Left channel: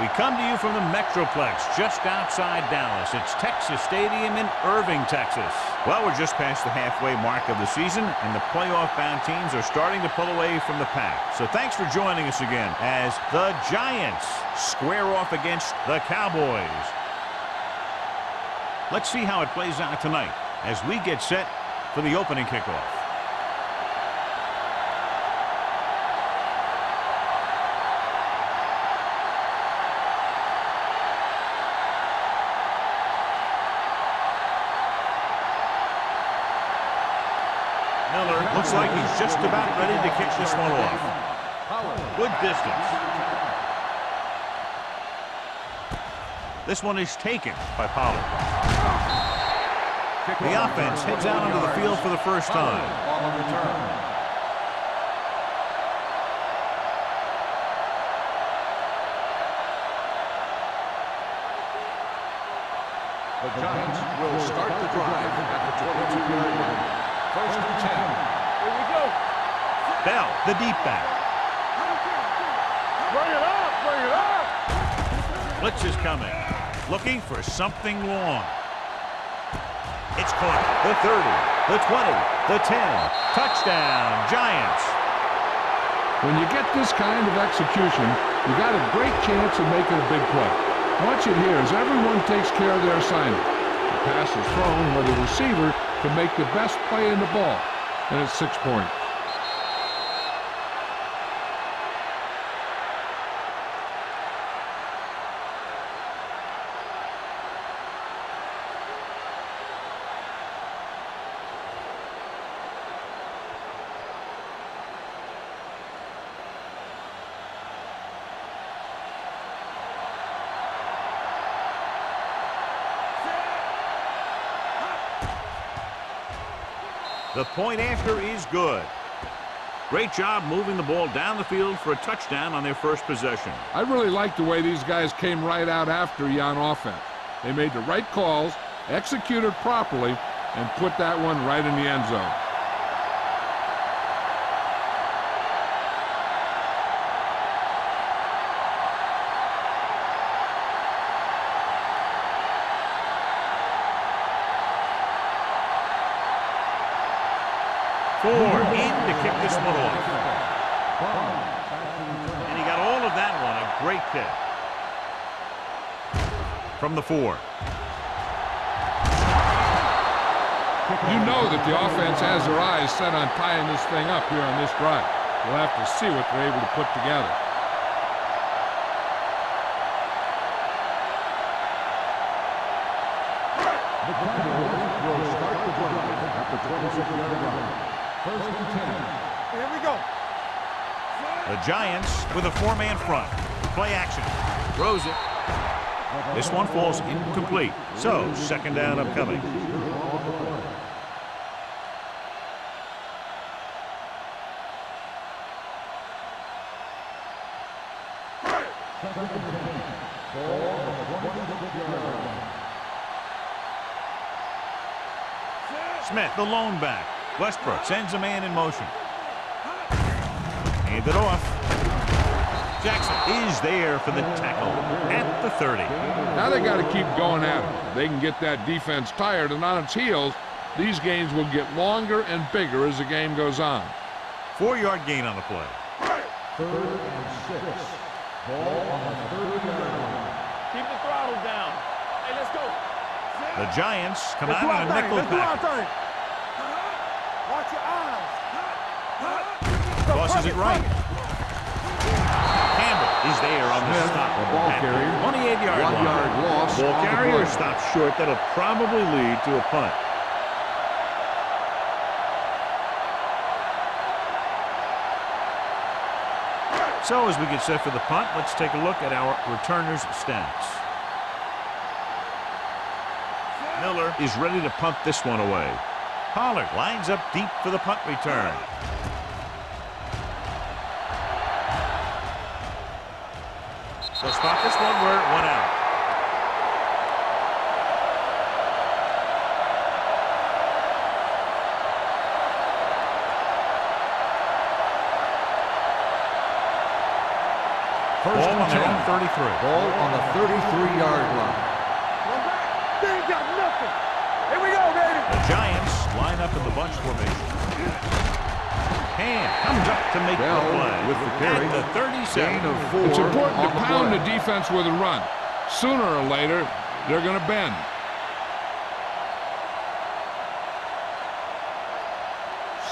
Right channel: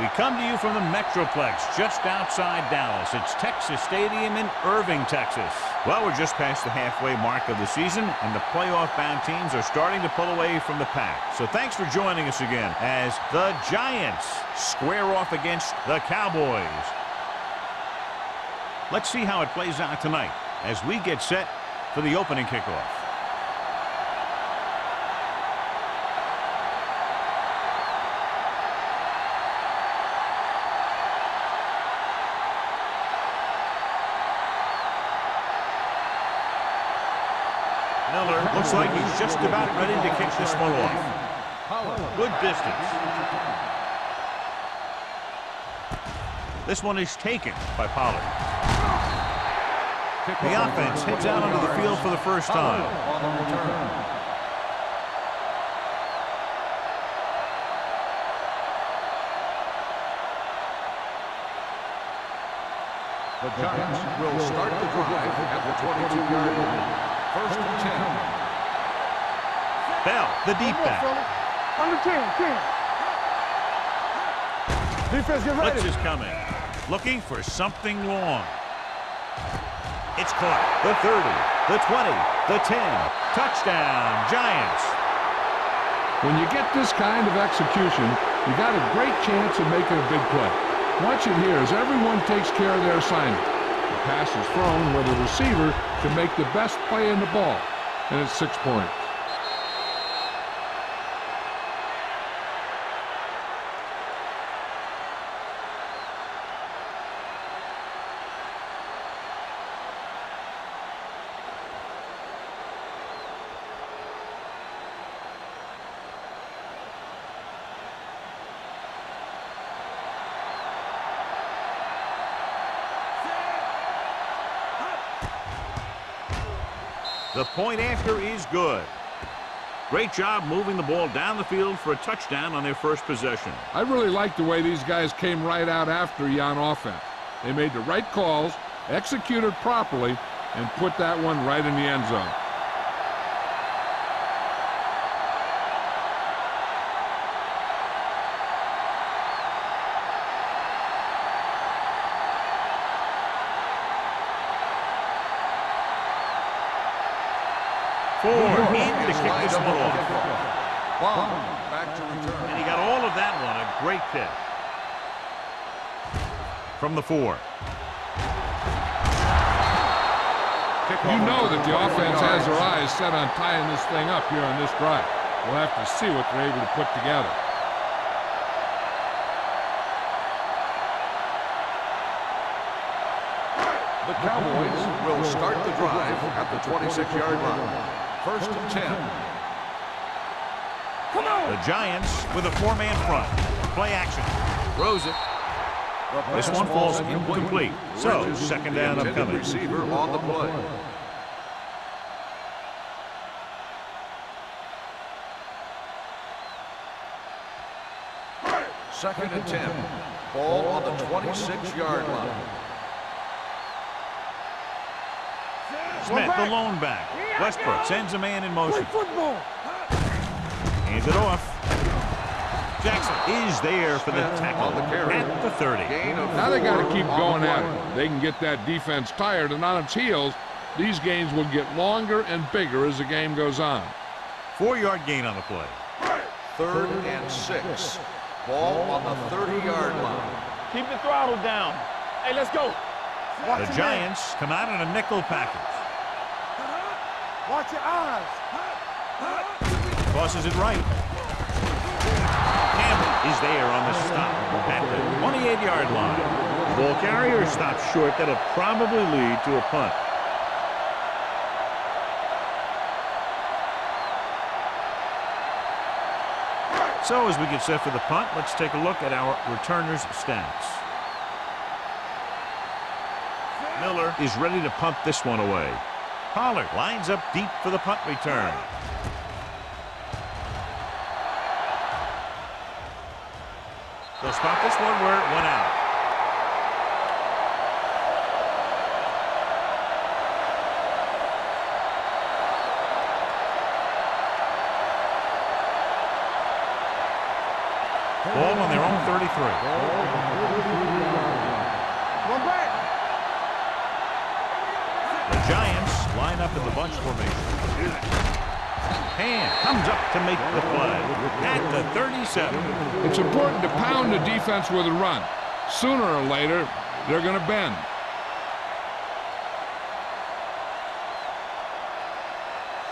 We come to you from the Metroplex just outside Dallas. It's Texas Stadium in Irving, Texas. Well, we're just past the halfway mark of the season, and the playoff-bound teams are starting to pull away from the pack. So thanks for joining us again as the Giants square off against the Cowboys. Let's see how it plays out tonight as we get set for the opening kickoff. Miller looks like he's just about ready to kick this one off. Good distance. This one is taken by Pollard. The offense heads out onto the field for the first time. On the return. The Giants will start the drive at the 22-yard line. First and 10. Bell, the deep back. Blitz is coming. Looking for something long. It's caught. The 30, the 20, the 10. Touchdown, Giants. When you get this kind of execution, you got a great chance of making a big play. Watch it here as everyone takes care of their assignment. The pass is thrown where the receiver can make the best play in the ball, and it's 6 points. The point after is good. Great job moving the ball down the field for a touchdown on their first possession. I really like the way these guys came right out after you on offense. They made the right calls, executed properly, and put that one right in the end zone. Ford in to kick this one off. And he got all of that one, a great kick. From the 4. You know that the offense has their eyes set on tying this thing up here on this drive. We'll have to see what they're able to put together. The Cowboys will start the drive at the 26-yard line. First and 10. Here we go. Come on. The Giants with a 4-man front. Play action. Throws it. This one falls incomplete. So, second down upcoming. Receiver on the play. Second and 10. Ball on the 26-yard line. Smith, the lone back. Westbrook sends a man in motion. Hands it off. Jackson is there for the tackle at the 30. Now they got to keep going at it. They can get that defense tired and on its heels. These gains will get longer and bigger as the game goes on. 4-yard gain on the play. Third and 6. Ball on the 30-yard line. Keep the throttle down. Hey, let's go. The Giants come out in a nickel package. Watch your eyes. Tosses it right. Campbell is there on the stop at the 28-yard line. Ball carrier stops short. That'll probably lead to a punt. So as we get set for the punt, let's take a look at our returners' stats. Miller is ready to punt this one away. Pollard lines up deep for the punt return. They'll stop this one where it went out. Ball on their own 33. Ball on the 33-yard line. Run back. They ain't got nothing. Here we go, baby. The Giants line up in the bunch formation. Hand comes up to make the play at the 37. It's important to pound the defense with a run. Sooner or later, they're going to bend.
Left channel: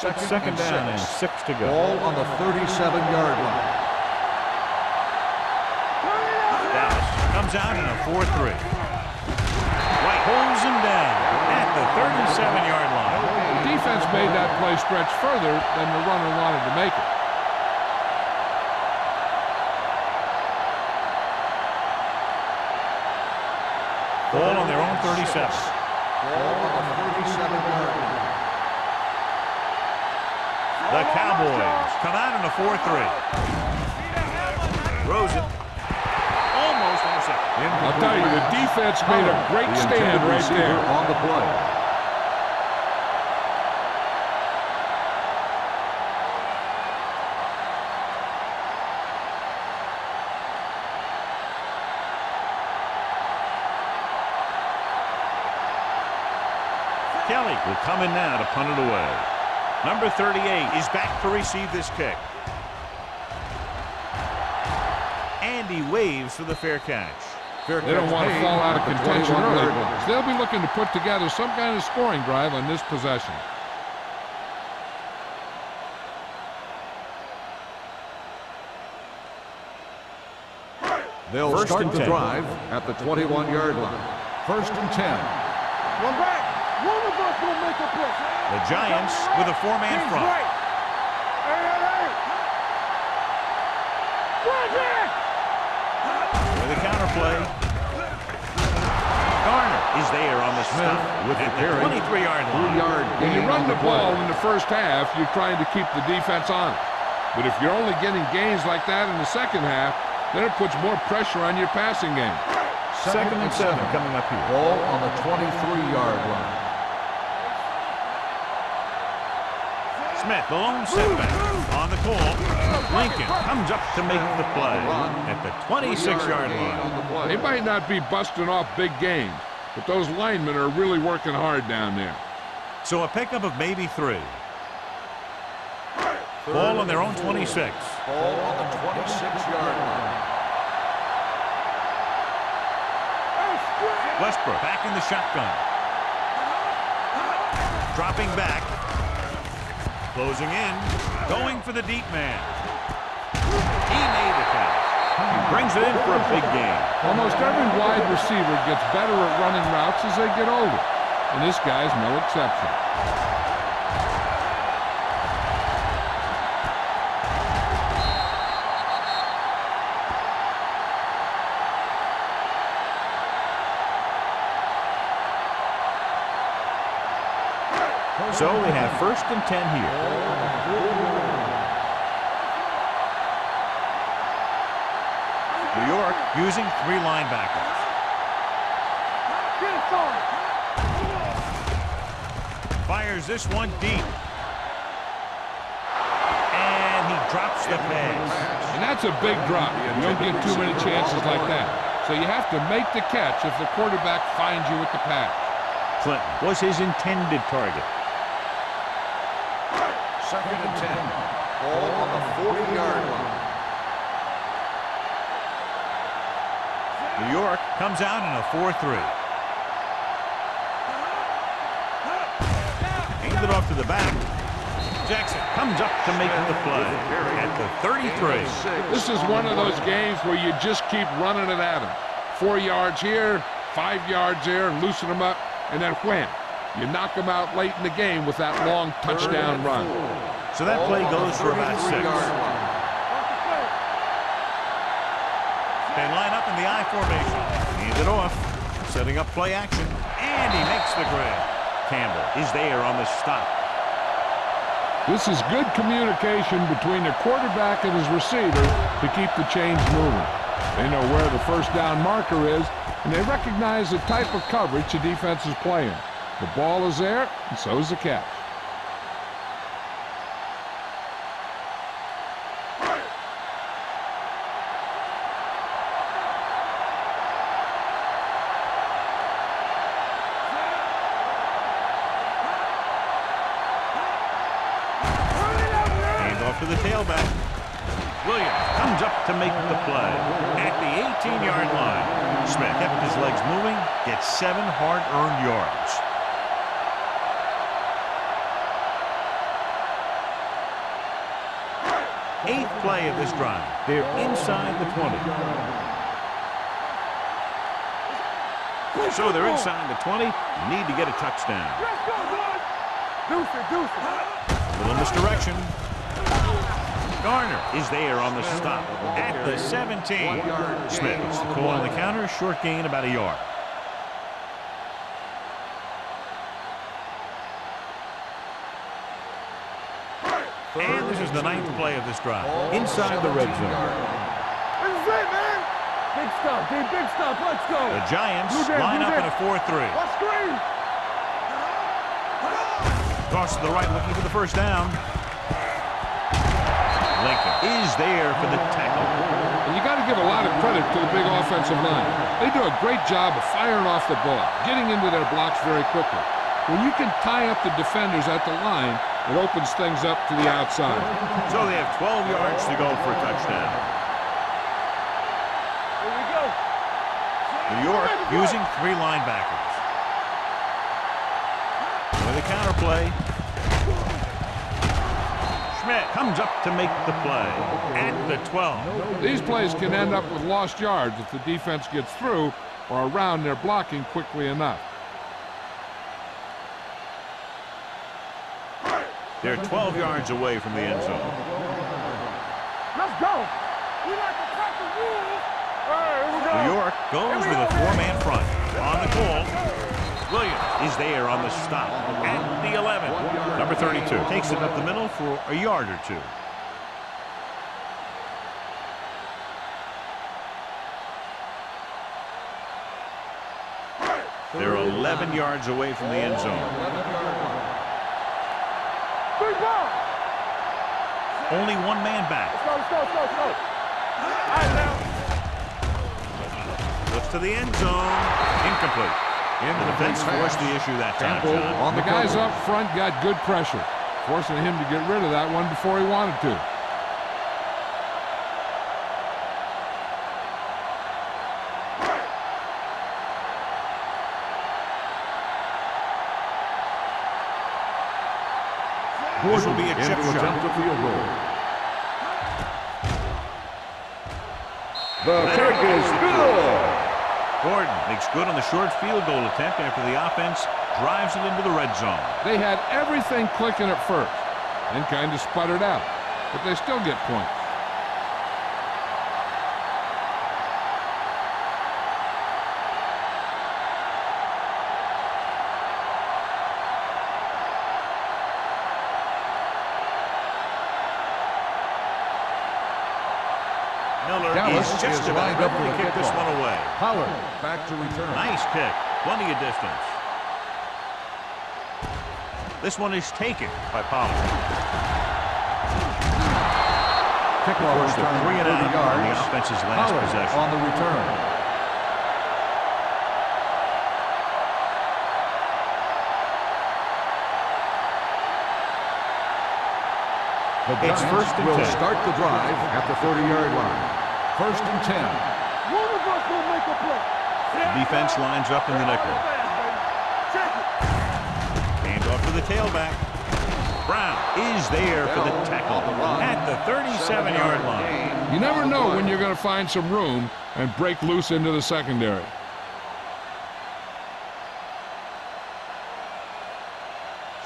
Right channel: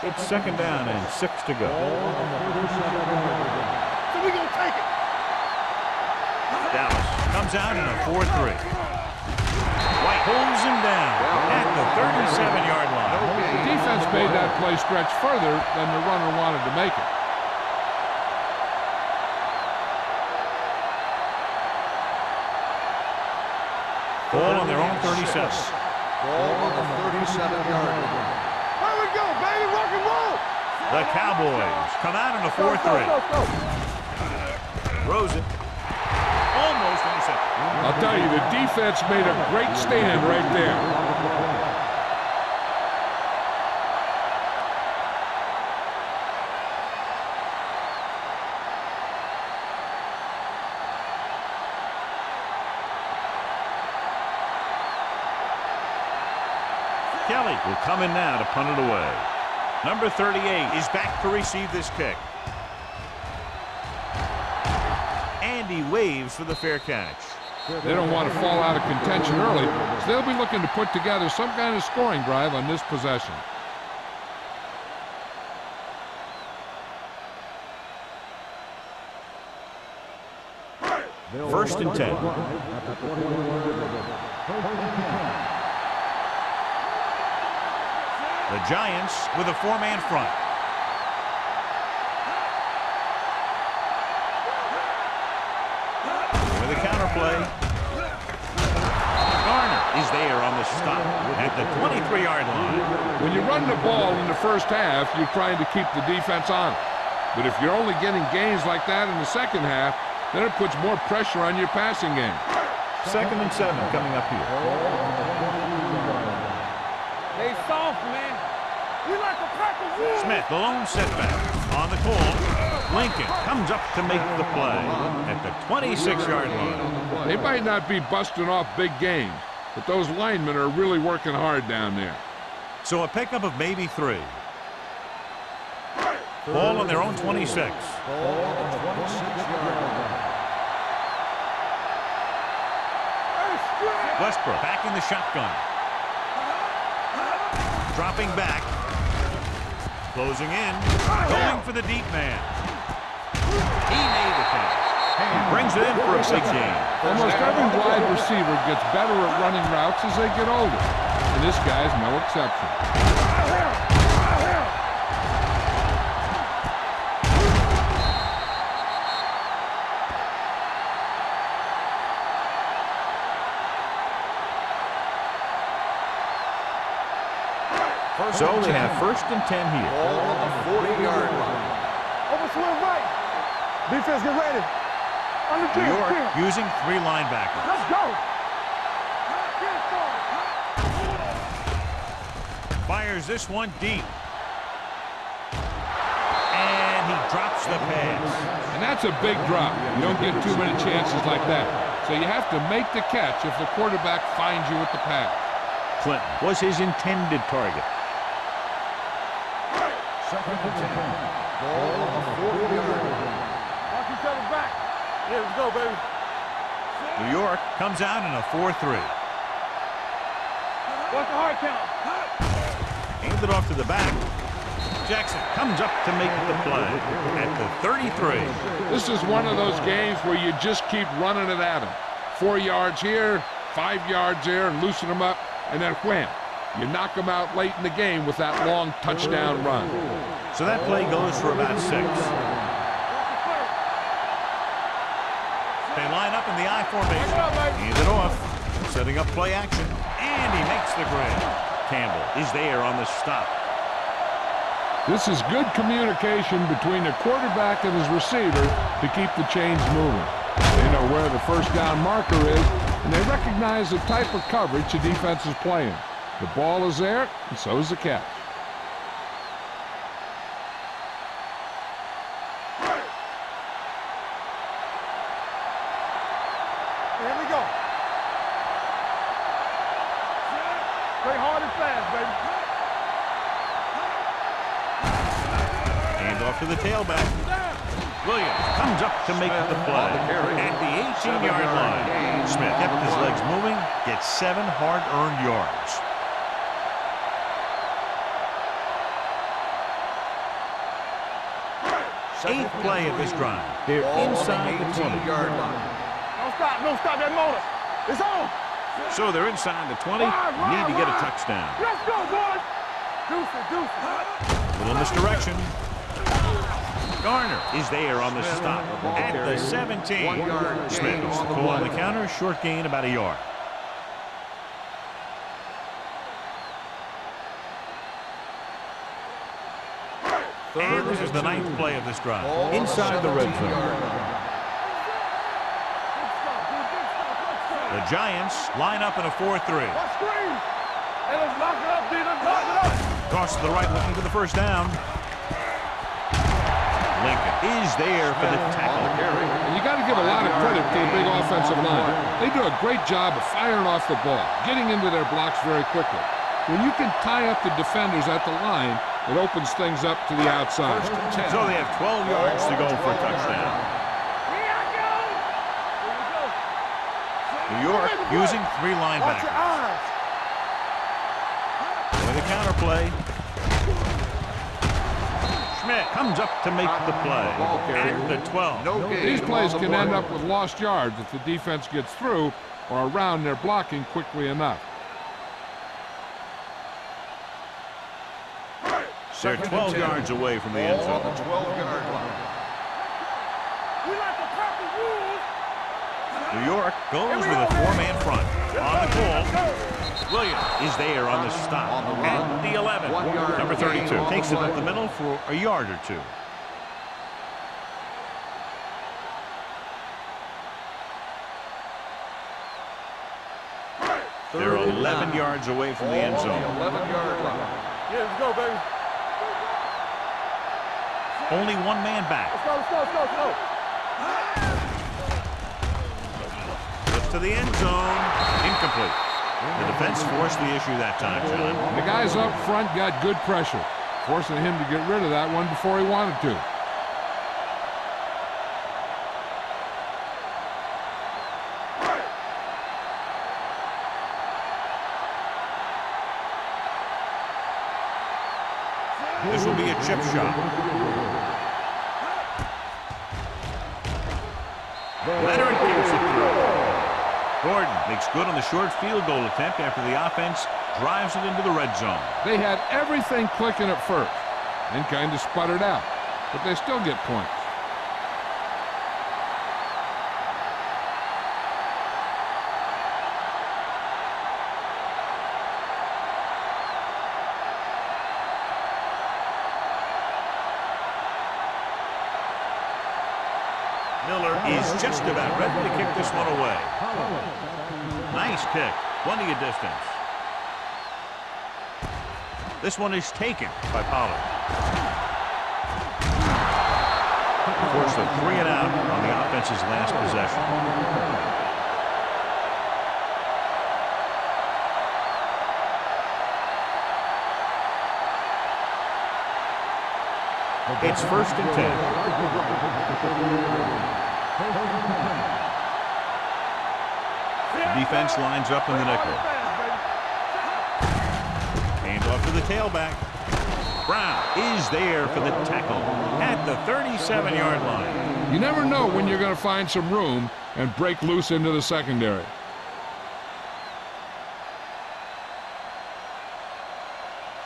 It's second down and 6 to go. Ball on the 37-yard line. Dallas comes out in a 4-3. White pulls him down at the 37-yard line. The defense made that play stretch further than the runner wanted to make it. Ball on their own 37. Ball on the 37-yard line. There we go, baby. Rock and roll. The Cowboys come out in a 4-3. Throws it. Almost intercepted. I'll tell you, the defense made a great stand right there. On the play. Kelly will come in now to punt it away. Number 38 is back to receive this kick. And he waves for the fair catch. They don't want to fall out of contention early, so they'll be looking to put together some kind of scoring drive on this possession. They'll First start and the 10. drive at the 21-yard line. First and 10. Run back. Roll the bus, we'll make a play. The Giants with a 4-man front. With a counter play. Garner is there on the stop at the 23-yard line. When you run the ball in the first half, you're trying to keep the defense on it. But if you're only getting gains like that in the second half, then it puts more pressure on your passing game. Second and 7 coming up here. Ball on the 23-yard line. Hey, soft, man. We like the Packers. Smith, the lone setback on the call. Lincoln comes up to make the play at the 26-yard line. They might not be busting off big gains, but those linemen are really working hard down there. So a pickup of maybe 3. Ball on their own 26. Ball on the 26-yard line. Westbrook back in the shotgun. Dropping back. Closing in. Going for the deep man. He made the catch. He brings it in for a big gain. Almost every wide receiver gets better at running routes as they get older, and this guy's no exception. So they have first and 10 here. Ball on the 40-yard line. Defense, get ready. New York using 3 linebackers. Let's go. Get it started. Fires this one deep. And he drops the pass. And that's a big drop. You don't get too many chances like that. So you have to make the catch if the quarterback finds you with the pass. Clinton was his intended target. Second and 10. Ball on the 40-yard line. Knock each other back. Here we go, baby. New York comes out in a 4-3. What's the hard count? Handed it off to the back. Jackson comes up to make the play at the 33. This is one of those games where you just keep running it at them. 4 yards here, 5 yards there, and loosen them up, and then wham. You knock them out late in the game with that long touchdown run. So that play goes for about 6. They line up in the I formation. Hand it off. Setting up play action. And he makes the grab. Campbell is there on the stop. This is good communication between the quarterback and his receiver to keep the chains moving. They know where the first down marker is, and they recognize the type of coverage the defense is playing. The ball is there, and so is the catch. Hand off to the tailback. Williams comes up to make the play at the 18-yard line. Smith kept his legs moving, gets 7 hard-earned yards. Eighth play of this drive. They're inside the 20. Don't stop that motor. It's on. So they're inside the 20. Need to get a touchdown. Let's go, boys. Deuce it. Little misdirection. Garner is there on the stop at the 17. Smith gets the call on the counter. Short gain, about a yard. And this is the 9th play of this drive. Inside the red zone. Big stop, dude. Big stop. Let's go. The Giants line up in a 4-3. What screen? Toss to the right, looking for the first down. Lincoln is there for the tackle. And you got to give a lot of credit to the big offensive line. They do a great job of firing off the ball, getting into their blocks very quickly. When you can tie up the defenders at the line, it opens things up to the outside. So they have 12 yards to go for a touchdown. New York using 3 linebackers. With a counter play. Schmidt comes up to make the play at the 12. These plays can end up with lost yards if the defense gets through or around their blocking quickly enough. They're 12 yards away from the end zone. Let's go. We like to crack the rules. New York goes with a 4-man front. On the call, Williams is there on the stop at the 11. Number 32 takes it up the middle for a yard or 2. They're 11 yards away from the end zone. 11-yard line. Let's go, baby. Only 1 man back. Let's go. Looks to the end zone. Incomplete. The defense forced the issue that time, John. The guys up front got good pressure, forcing him to get rid of that one before he wanted to. This will be a chip shot. Leonard gets it through. Gordon makes good on the short field goal attempt after the offense drives it into the red zone. They had everything clicking at first and kind of sputtered out, but they still get points. Miller is just about ready to kick this one away. Back to return. Nice kick. Plenty of distance. This one is taken by Pollard. Forced a 3 and out on the offense's last possession. On the return. It's 1st and 10. Start the drive at the 30-yard line. 1st and 10. One of us will make a play. The defense lines up in the nickel. Hand off to the tailback. Brown is there for the tackle at the 37-yard line. You never know when you're going to find some room and break loose into the secondary.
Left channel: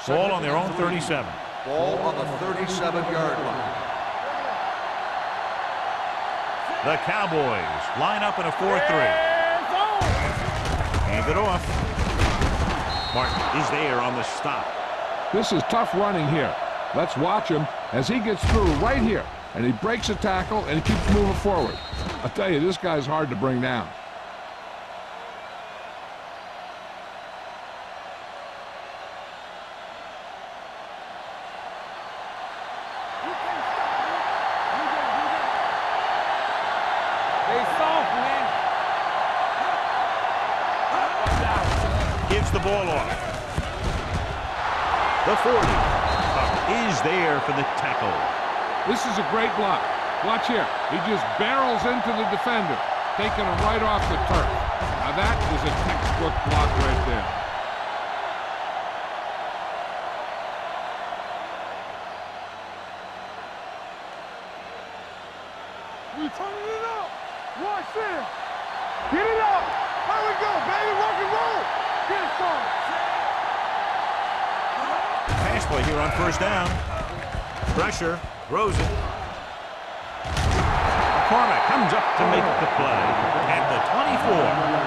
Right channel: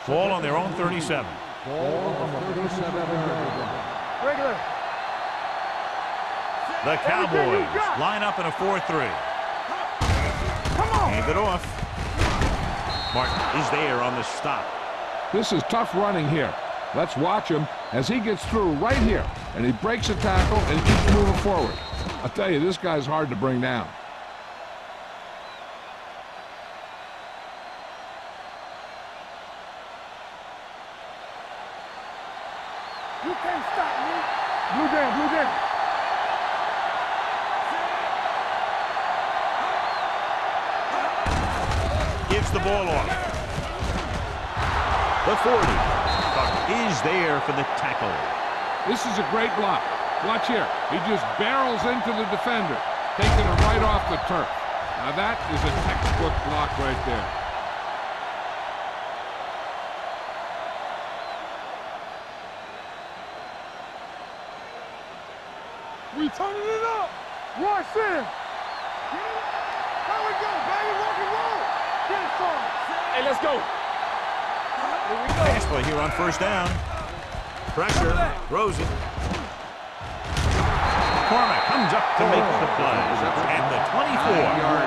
Ball on their own 37. Ball on the 37-yard line. The Cowboys line up in a 4-3. Hand it off. Martin is there on the stop. This is tough running here. Let's watch him as he gets through right here, and he breaks a tackle and he keeps moving forward. I'll tell you, this guy's hard to bring down. You can't stop me. Blue game. They soft, man. Gives the ball off. The 40. Tuck is there for the tackle. This is a great block. Watch here. He just barrels into the defender, taking him right off the turf. Now that is a textbook block right there. We turning it up. Watch this. Get it up. Here we go, baby. Rock and roll. Get it, son. Hey, let's go. Pass play here on first down. Pressure. Throws it. McCormick comes up to make the play. At the 24.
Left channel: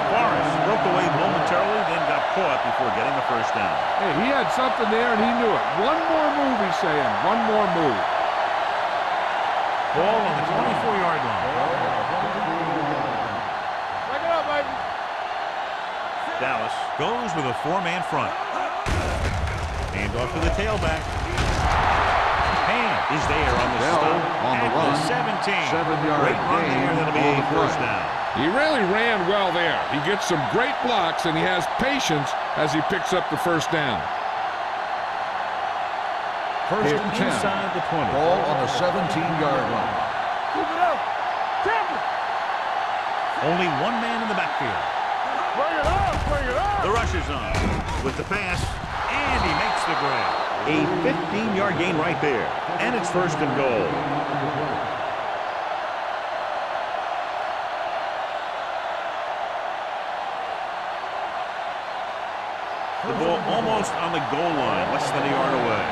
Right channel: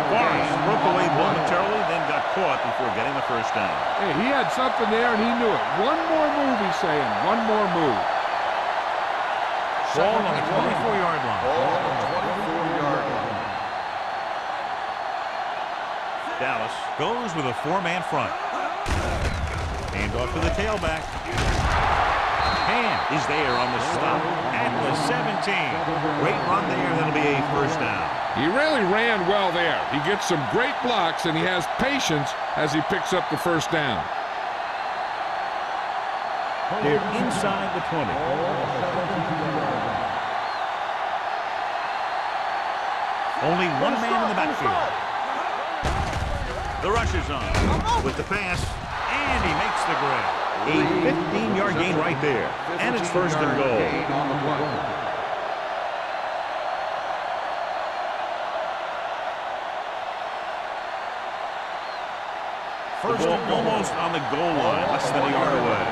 Forrest broke away momentarily, then got caught before getting the first down. Hey, he had something there and he knew it. One more move, he's saying. One more move. Ball on the 24-yard line. Dallas goes with a four-man front. Hand off to the tailback. Hand is there on the stop at the 17. Great run there. That'll be a first down. He really ran well there. He gets some great blocks and he has patience as he picks up the first down. They're inside the 20. Ball on the 17-yard line. Only one man in the backfield. The rush is on with the pass, and he makes the grab. A 15-yard gain right there, and it's first and goal. The ball almost on the goal line, less than a yard away.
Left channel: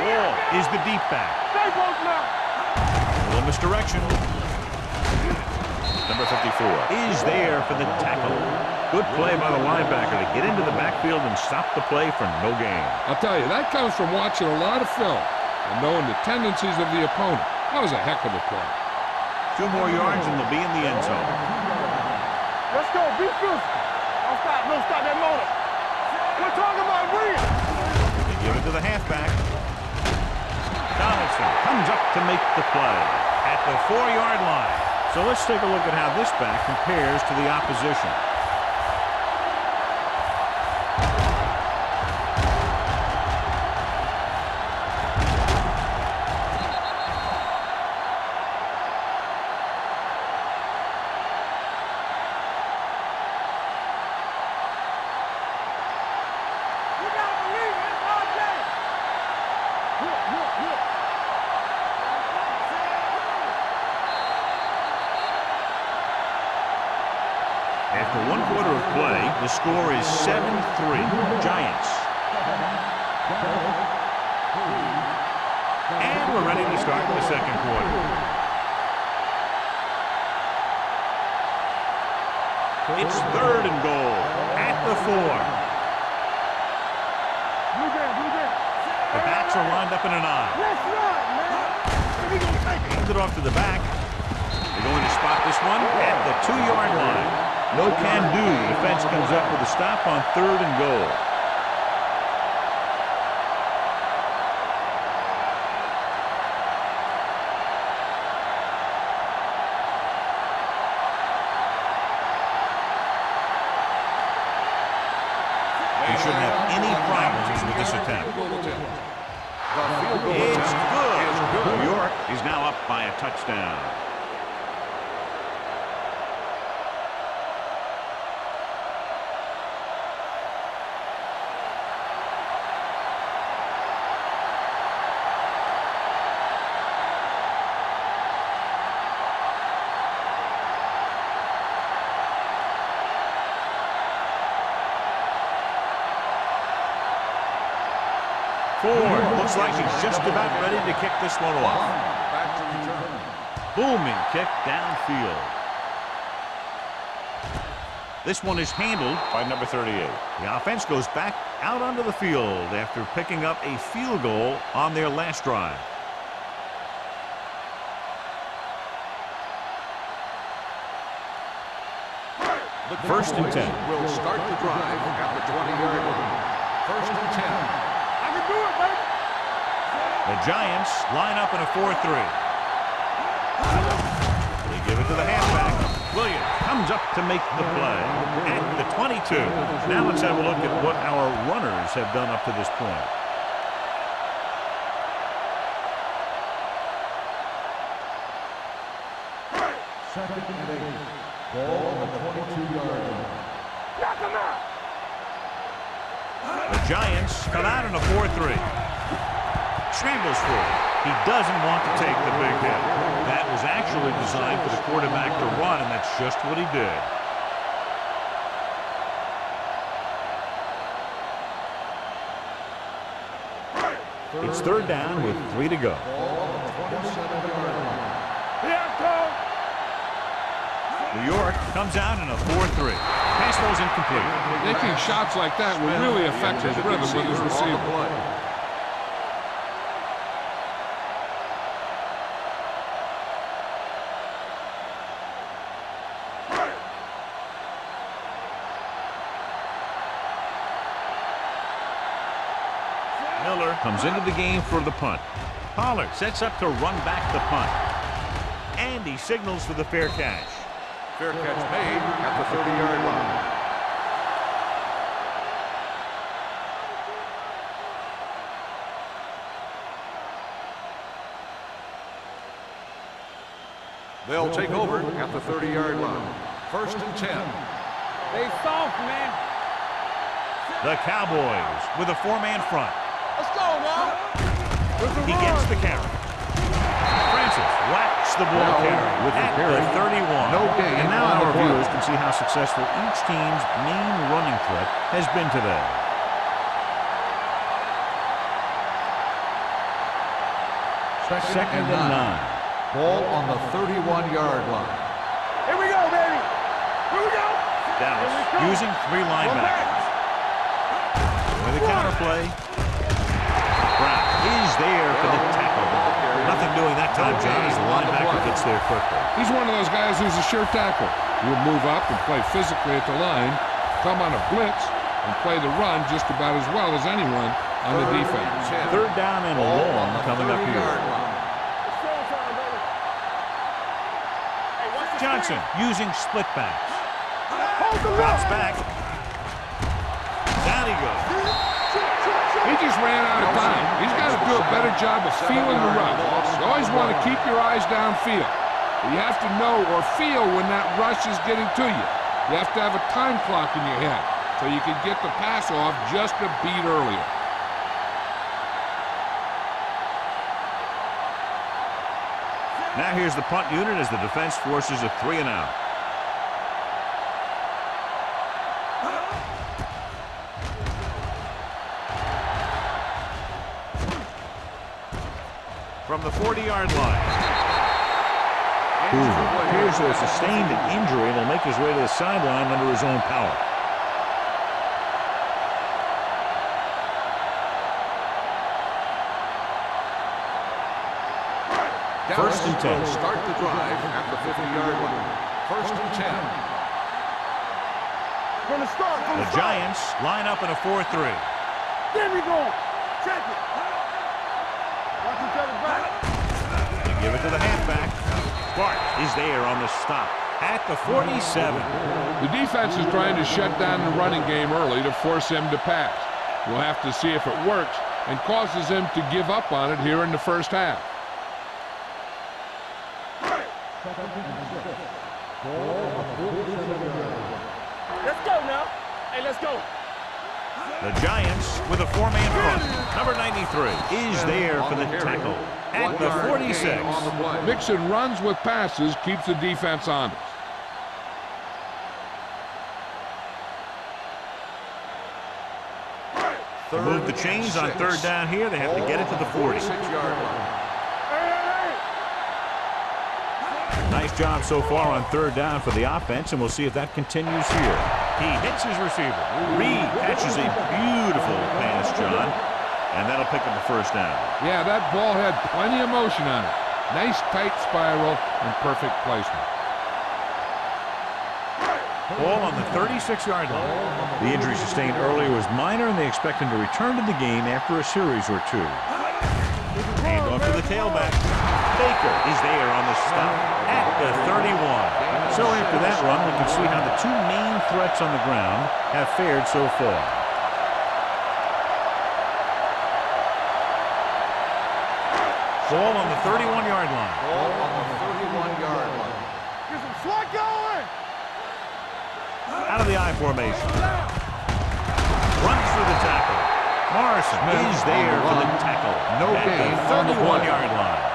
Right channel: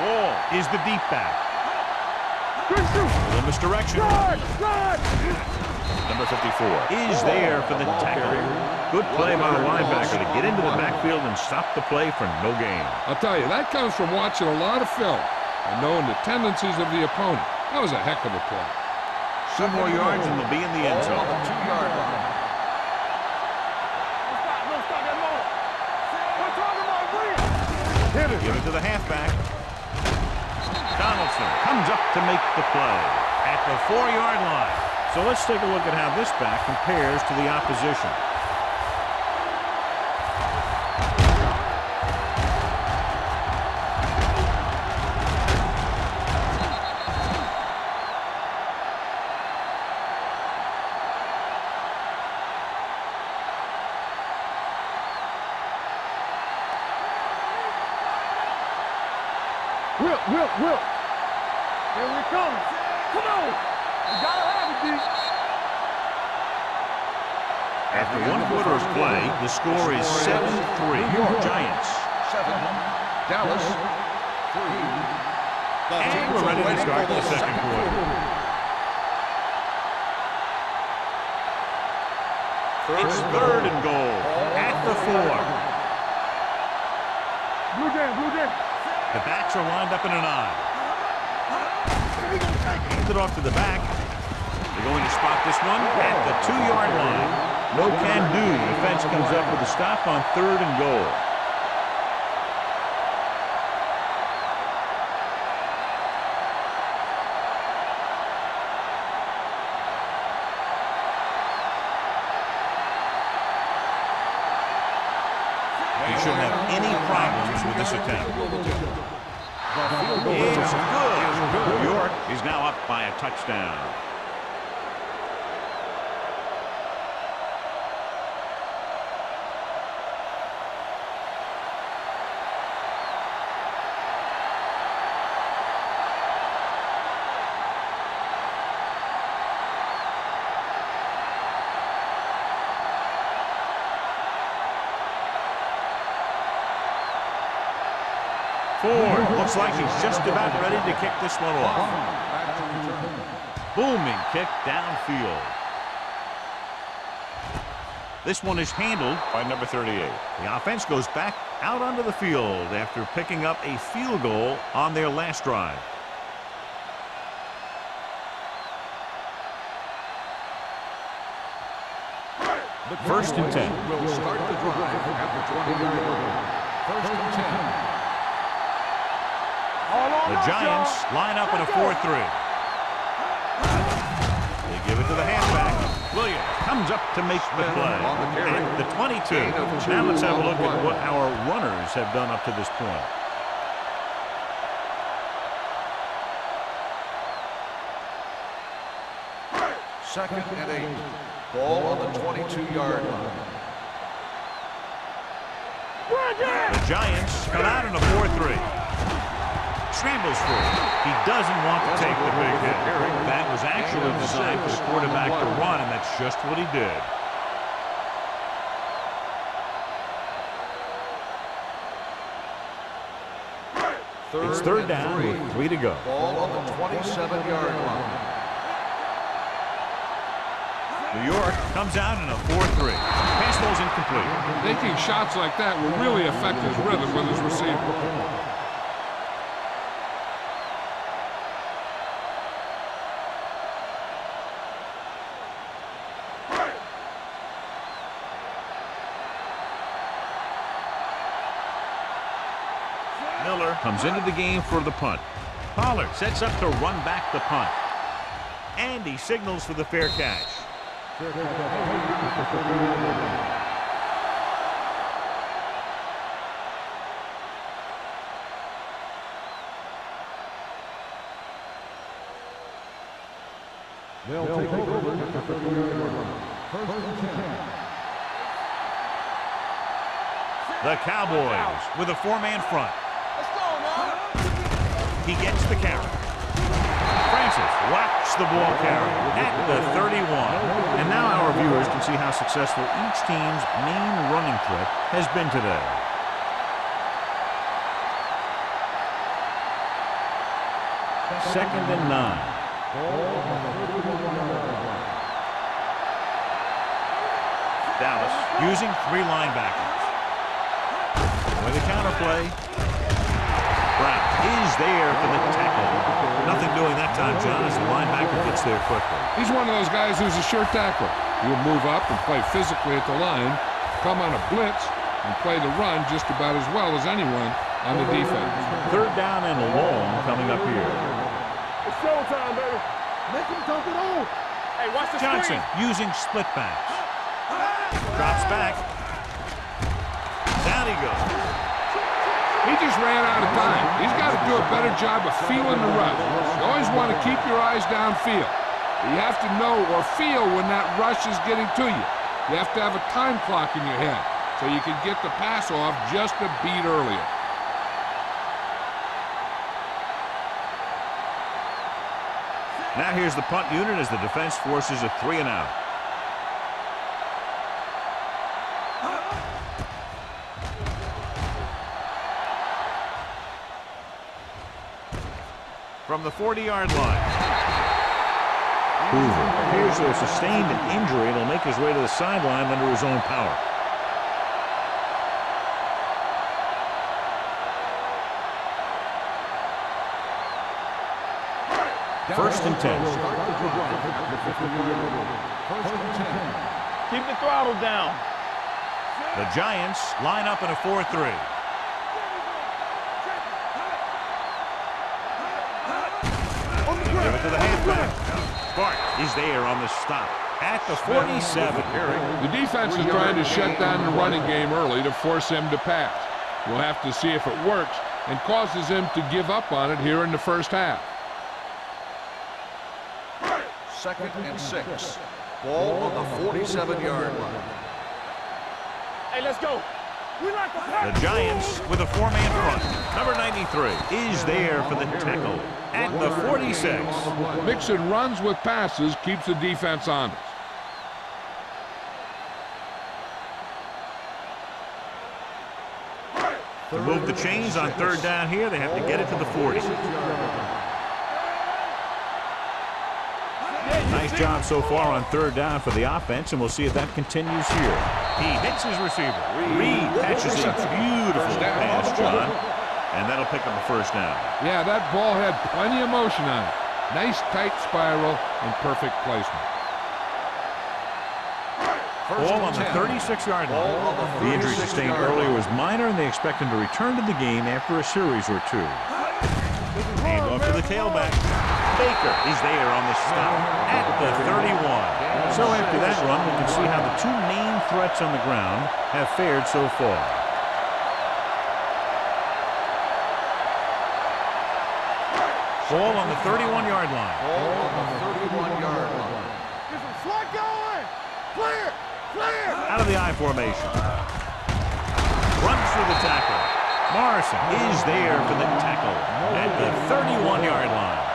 Wall is the deep back. A little misdirection. Number 54 is there for the tackle. Good play by the linebacker to get into the backfield and stop the play for no gain. I'll tell you, that comes from watching a lot of film and knowing the tendencies of the opponent. That was a heck of a play. 2 more yards and they'll be in the end zone. Let's go, be good. Don't stop that motor. We're talking about bringing. They give it to the halfback. Donaldson comes up to make the play at the 4-yard line. So let's take a look at how this back compares to the opposition. After 1 quarter of play, the score is 7-3. Giants. 7, Dallas 3. And we're ready to start the second quarter. It's 3rd and goal at the 4. Blue game, blue game. The backs are lined up in an I. Hand it off to the back. They're going to spot this one at the 2-yard line. No can do. Defense comes up with a stop on 3rd and goal. They shouldn't have any problems with this attempt. The field goal It's attempt good. is good. New York is now up by a touchdown. Ford looks like he's just about ready to kick this one off. Back to return. Booming kick downfield. This one is handled by number 38. The offense goes back out onto the field after picking up a field goal on their last drive. First and 10. Will start the drive at the 20-yard line. First and 10. The Giants line up in a 4-3. They give it to the halfback. Williams comes up to make the play at the 22. Now let's have a look at what our runners have done up to this point. Second and 8. Ball on the 22-yard line. The Giants come out in a 4-3. Scrambles free. He doesn't want to take the big hit. That was actually designed for the quarterback to run, and that's just what he did. It's third down with 3 to go. Ball on the 27-yard line. New York comes out in a 4-3. Pass ball's incomplete. Taking shots like that will really affect his rhythm with his receiver. Miller comes into the game for the punt. Pollard sets up to run back the punt. And he signals for the fair catch. Fair catch made at the 30-yard line. They'll take over at the 30-yard line. First and 10. They soft, man. The Cowboys with a 4-man front. Let's go now. He gets the carry. Francis whacks the ball carrier at the 31. And now our viewers can see how successful each team's main running threat has been today. Second and 9. Ball on the 31-yard line. Here we go, baby. Here we go. Dallas using 3 linebackers. With the counterplay. Brown is there for the tackle. Nothing doing that time, John, as the linebacker gets there quickly. He's one of those guys who's a sure tackler. He'll move up and play physically at the line, come on a blitz, and play the run just about as well as anyone on the defense. Third down and long coming up here. It's showtime, baby. Make him talk it on. Hey, watch the Johnson screen. using split backs. Drops back. Down he goes. He just ran out of time. He's got to do a better job of feeling the rush. You always want to keep your eyes downfield. But you have to know or feel when that rush is getting to you. You have to have a time clock in your head so you can get the pass off just a beat earlier. Now here's the punt unit as the defense forces a 3-and-out. From the 40-yard line. Hoover appears to have sustained an injury and will make his way to the sideline under his own power. First and 10. Start the drive at the 50-yard line. First and 10. Keep the throttle down. From the start. The Giants line up in a 4-3. There we go. Check it. They give it to the halfback. Bart is there on the stop at the 47. The defense is trying to shut down the running game early to force him to pass. We'll have to see if it works and causes him to give up on it here in the first half. Second and 6. Ball on the 47-yard line. Let's go now. Hey, let's go. The Giants with a 4-man front. Number 93 is there for the tackle at the 46. Mixing runs with passes keeps the defense honest. To move the chains on third down here, they have to get it to the 40. 46-yard line. Nice job so far on third down for the offense, and we'll see if that continues here. He hits his receiver. Reed catches a beautiful pass, John, and that'll pick up a first down. Yeah, that ball had plenty of motion on it. Nice tight spiral and perfect placement. Ball on the 36-yard line. The injury sustained earlier was minor, and they expect him to return to the game after a series or 2. Hand off to the tailback. Baker is there on the stop at the 31. So after that run, we can see how the 2 main threats on the ground have fared so far. Ball on the 31-yard line. Ball on the 31-yard line. Get some slot going. Clear. Clear. Out of the I formation. Runs through the tackle. Morrison is there for the tackle at the 31-yard line.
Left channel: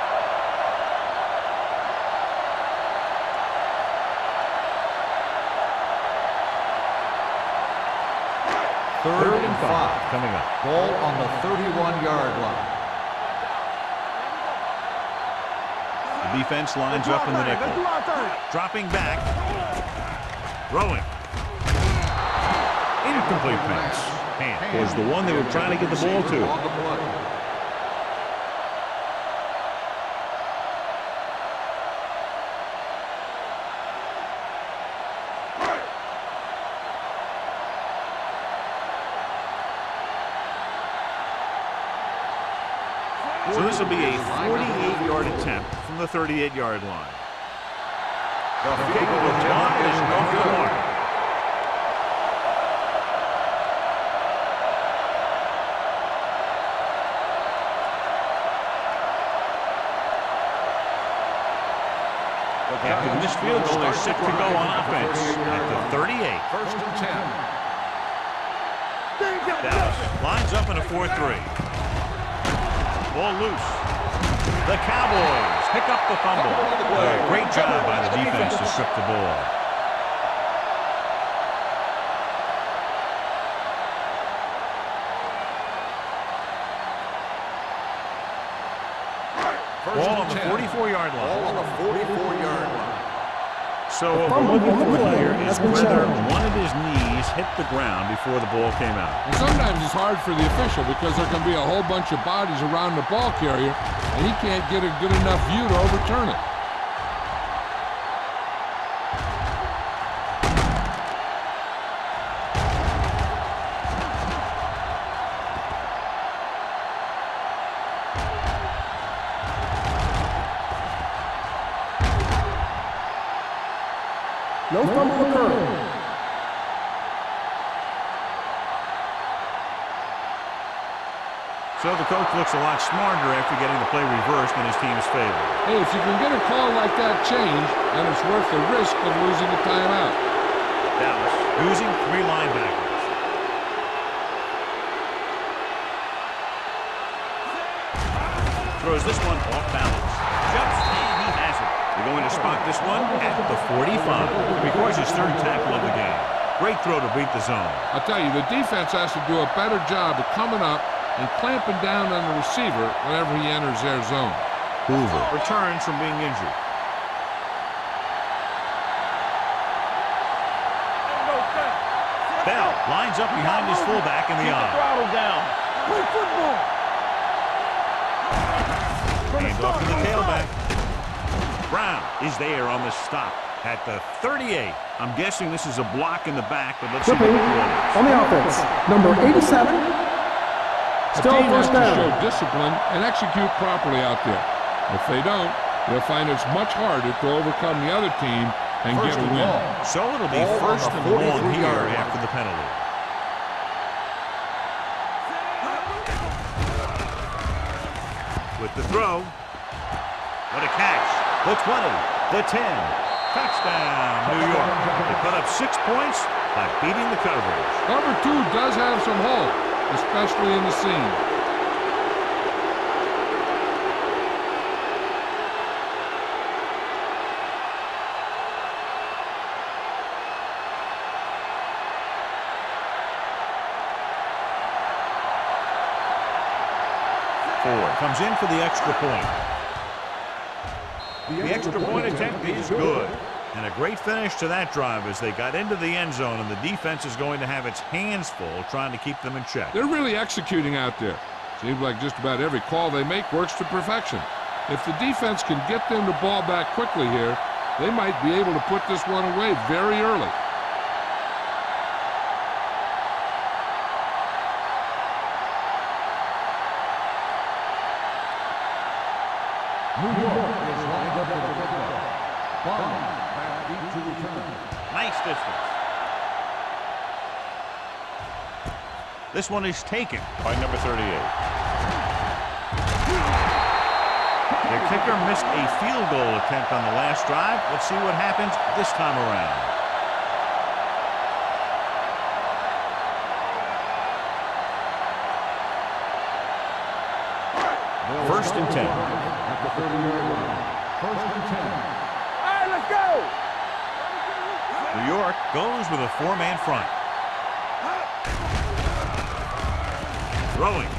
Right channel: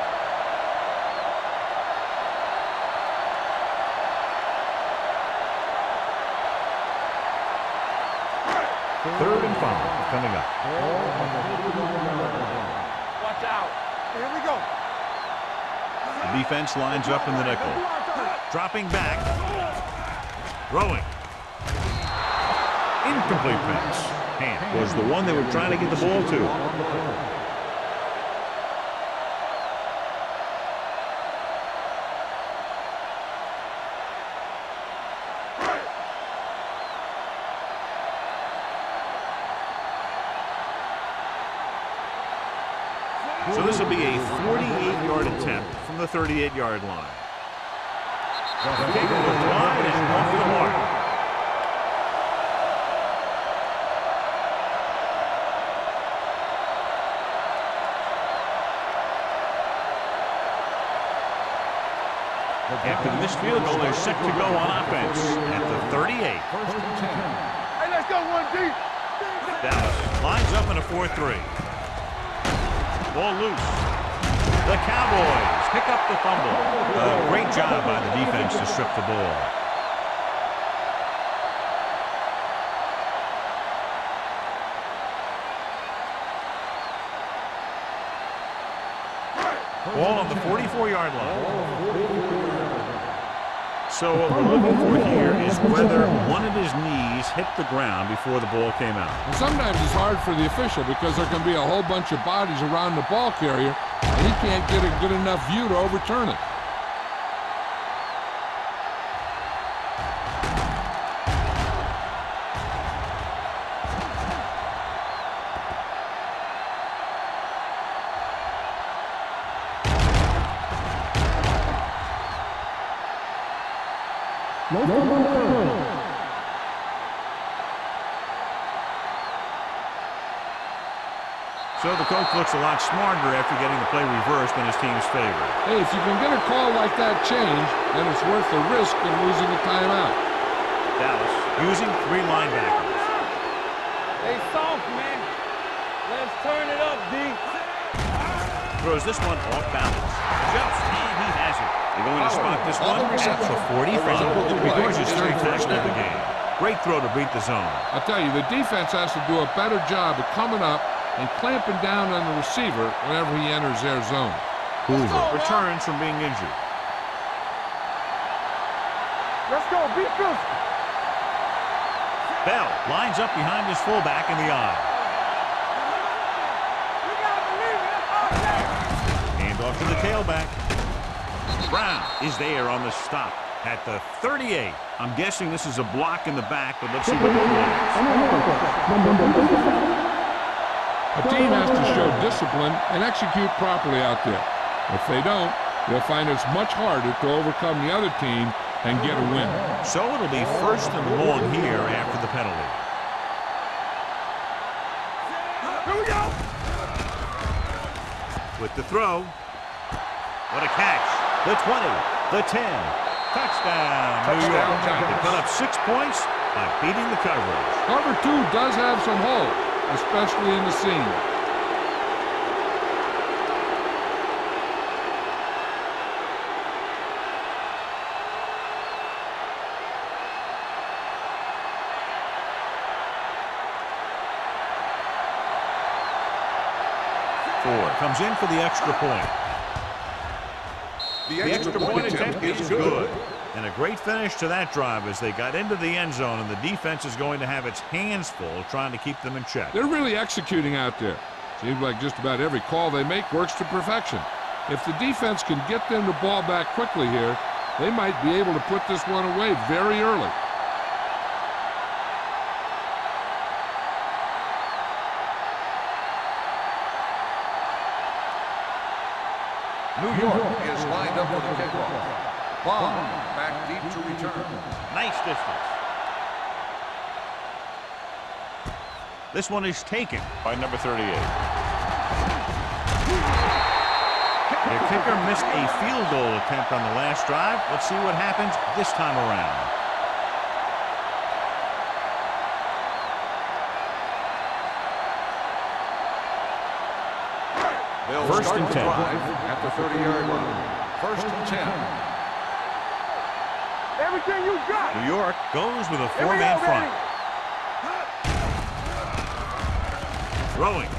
Third and 5 coming up. Ball on the 31-yard line. Watch out. Here we go. The defense lines up in the nickel. Dropping back. Throwing. Incomplete pass. Hand was the one they were trying to get the ball to. On the play. So this will be a 48-yard attempt from the 38-yard line. The kick was wide and off the mark. After the missed field goal, they're set to go on offense at the 38. First and 10. Hey, let's go, 1D. Dallas lines up in a 4-3. Ball loose. The Cowboys pick up the fumble. A great job by the defense to strip the ball. Ball on the 44-yard line. Ball on the 44-yard line. So what we're looking for here is whether one of his knees hit the ground before the ball came out. And sometimes it's hard for the official because there can be a whole bunch of bodies around the ball carrier, and he can't get a good enough view to overturn it. No fumble occurred. So the coach looks a lot smarter after getting the play reversed in his team's favor. Hey, if you can get a call like that changed, then it's worth the risk of losing a timeout. Dallas using 3 linebackers. Hey, soft, man. Let's turn it up, D. Throws this one off balance. Jumps, and he has it. They're going to spot this one at the 45. It records his 3rd tackle of the game. Great throw to beat the zone. I'll tell you, the defense has to do a better job of coming up and clamping down on the receiver whenever he enters their zone. Hoover returns from being injured. Let's go, defense. Bell lines up behind his fullback in the eye. Hand off to the tailback. Brown is there on the stop at the 38. I'm guessing this is a block in the back, but let's see what the call is. On the offense, number 87. A team has to show discipline and execute properly out there. If they don't, they'll find it's much harder to overcome the other team and get a win. So it'll be 1st and long here after the penalty. With the throw. What a catch. The 20, the 10. Touchdown, New York. They put up 6 points by beating the coverage. Cover 2 does have some hole, especially in the seam. Ford comes in for the extra point. The extra point attempt is good. And a great finish to that drive as they got into the end zone, and the defense is going to have its hands full trying to keep them in check. They're really executing out there. Seems like just about every call they make works to perfection. If the defense can get them the ball back quickly here, they might be able to put this one away very early. New York is lined up for the kickoff. Bomb back deep to return. Nice distance. This one is taken by number 38. Their kicker missed a field goal attempt on the last drive. Let's see what happens this time around. First and 10. At the 30-yard line. First and 10. All right, let's go. Everything you got. New York goes with a four-man front. Throwing.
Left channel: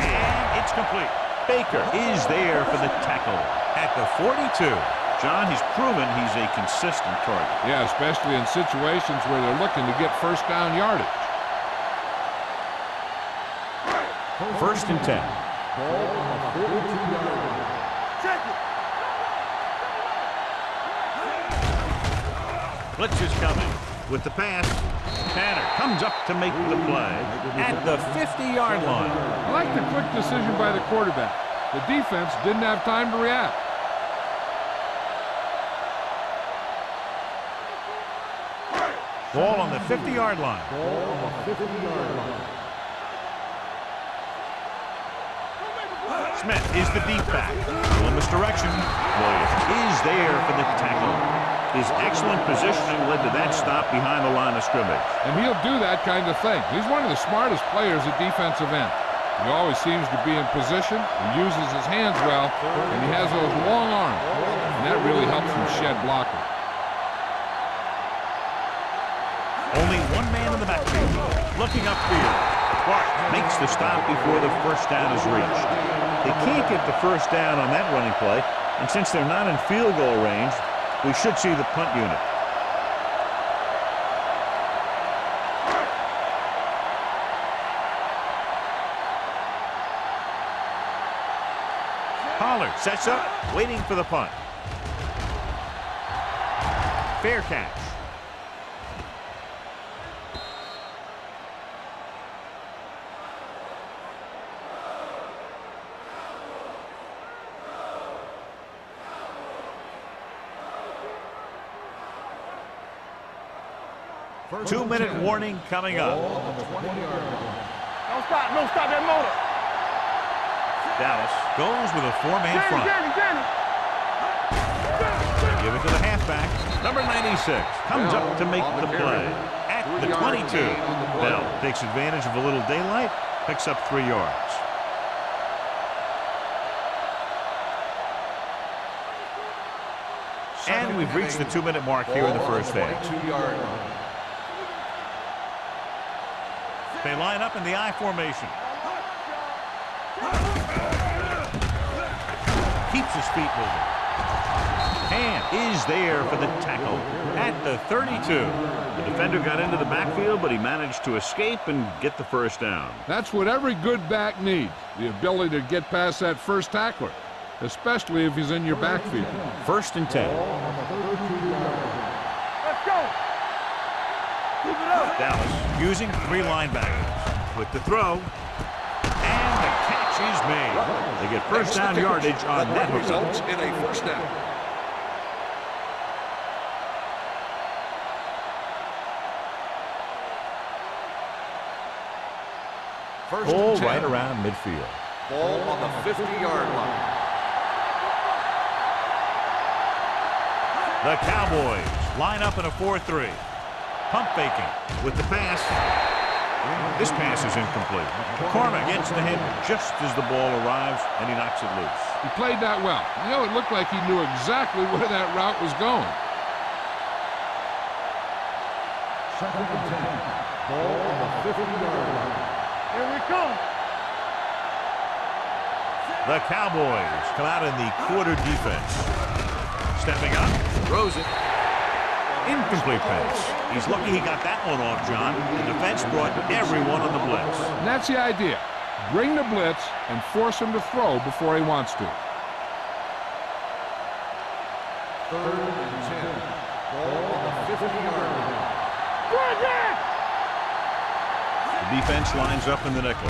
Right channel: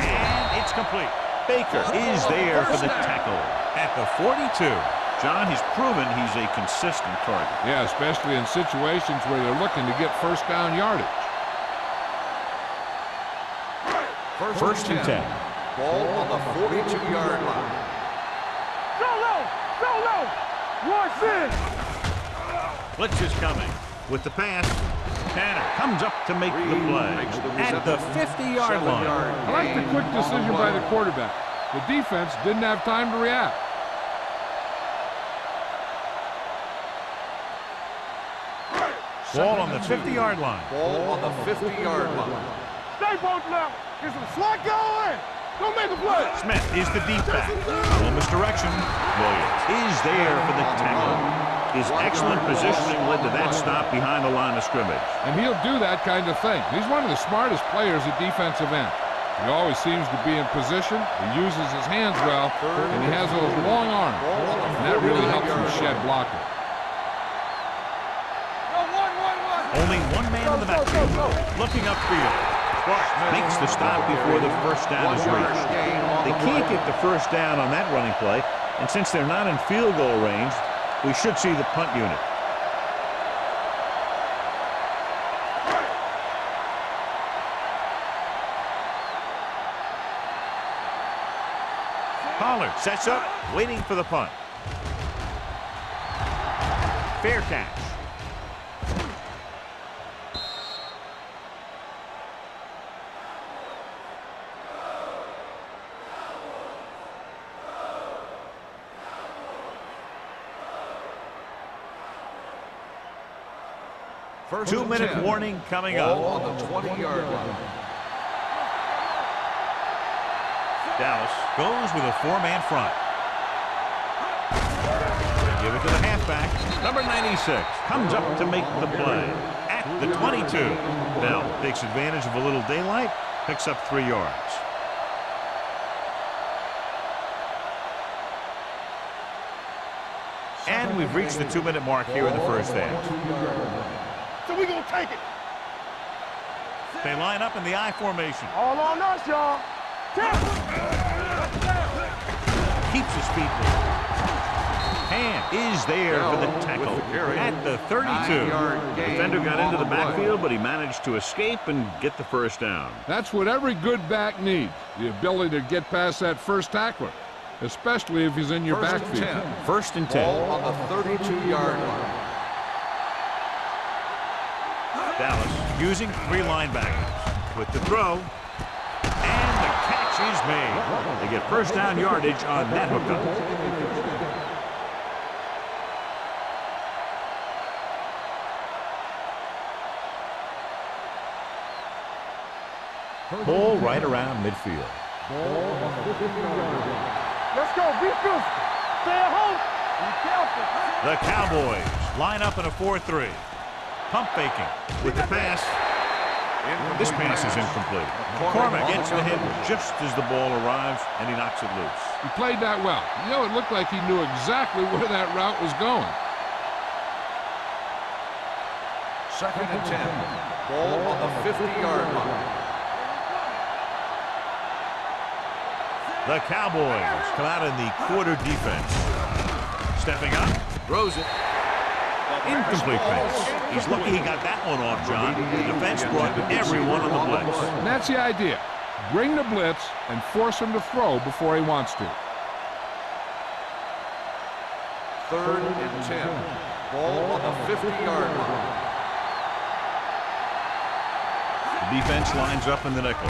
And it's complete. Baker is there for the tackle at the 42. John, he's proven he's a consistent target. Yeah, especially in situations where they're looking to get first down yardage. First and 10. Ball on the 42-yard line. Check it. Go low. Watch this. Blitz is coming. With the pass, Tanner comes up to make the play at the 50-yard line. I like the quick decision by the quarterback. The defense didn't have time to react. Ball on the 50-yard line. Ball on the 50-yard line. Stay both now. Get some slack going. Don't make the play. Smith is the deep back. Little misdirection. Williams is there for the tackle. His excellent positioning led to that stop behind the line of scrimmage. And he'll do that kind of thing. He's one of the smartest players at defensive end. He always seems to be in position. He uses his hands well, and he has those long arms. And that really helps him shed blocker. Only one man in the backfield. Looking upfield. Clark makes the stop before the first down is reached. They can't get the first down on that running play, and since they're not in field goal range, we should see the punt unit. Pollard sets up, waiting for the punt. Fair catch. First 2-minute warning coming up. Ball on the 20-yard line. Don't stop that motor. Dallas goes with a four-man front. Danny. Give it to the halfback. Number 96 comes up to make the play at the 22. Bell takes advantage of a little daylight, picks up 3 yards. And we've reached the 2-minute mark here in the first half. 22-yard line. So we gonna take it. They line up in the I formation. All on us, y'all. Keeps his feet moving. Ham is there for the tackle at the 32. The defender got into the backfield, but he managed to escape and get the first down. That's what every good back needs, the ability to get past that first tackler, especially if he's in your backfield. First and 10. Ball on the 32-yard line. Let's go. Keep it up. Dallas using 3 linebackers. With the throw. And the catch is made. They get first down yardage on that hookup. Results in a first down. First Ball and 10. right around midfield. Ball on the 50-yard line. Let's go. Be good. Stay at home. The Cowboys line up in a 4-3. Pump faking with the pass. This pass is incomplete. McCormick gets to him just as the ball arrives, and he knocks it loose. He played that well. You know, it looked like he knew exactly where that route was going. Second and 10. Ball on the 50-yard line. Here we come. The Cowboys come out in the quarter defense. Stepping up, throws it. Incomplete pass. He's lucky he got that one off, John. The defense brought everyone on the blitz. And that's the idea. Bring the blitz and force him to throw before he wants to. Third and 10. Ball on the 50-yard line. The defense lines up in the nickel.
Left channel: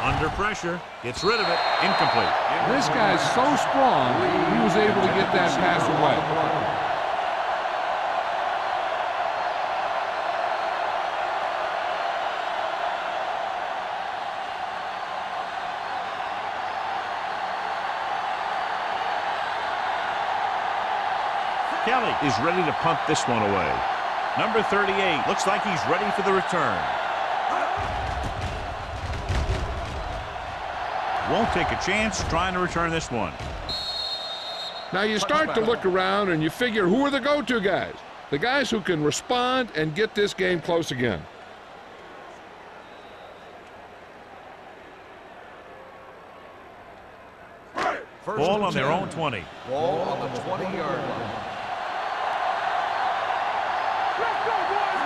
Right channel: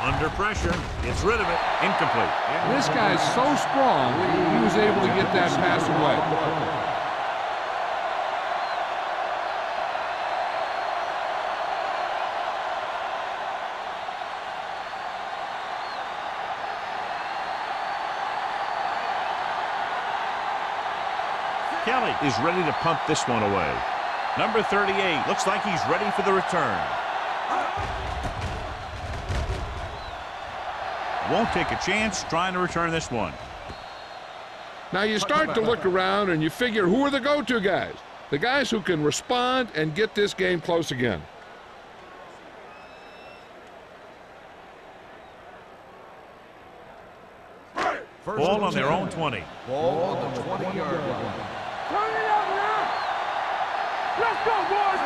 Under pressure, gets rid of it. Incomplete. This guy's so strong, he was able to get that pass away. Kelly is ready to punt this one away. Number 38 looks like he's ready for the return. Won't take a chance trying to return this one. Now you start to look around and you figure, who are the go-to guys? The guys who can respond and get this game close again. Ball on their own 20. Ball on the 20-yard line. Let's go, boys!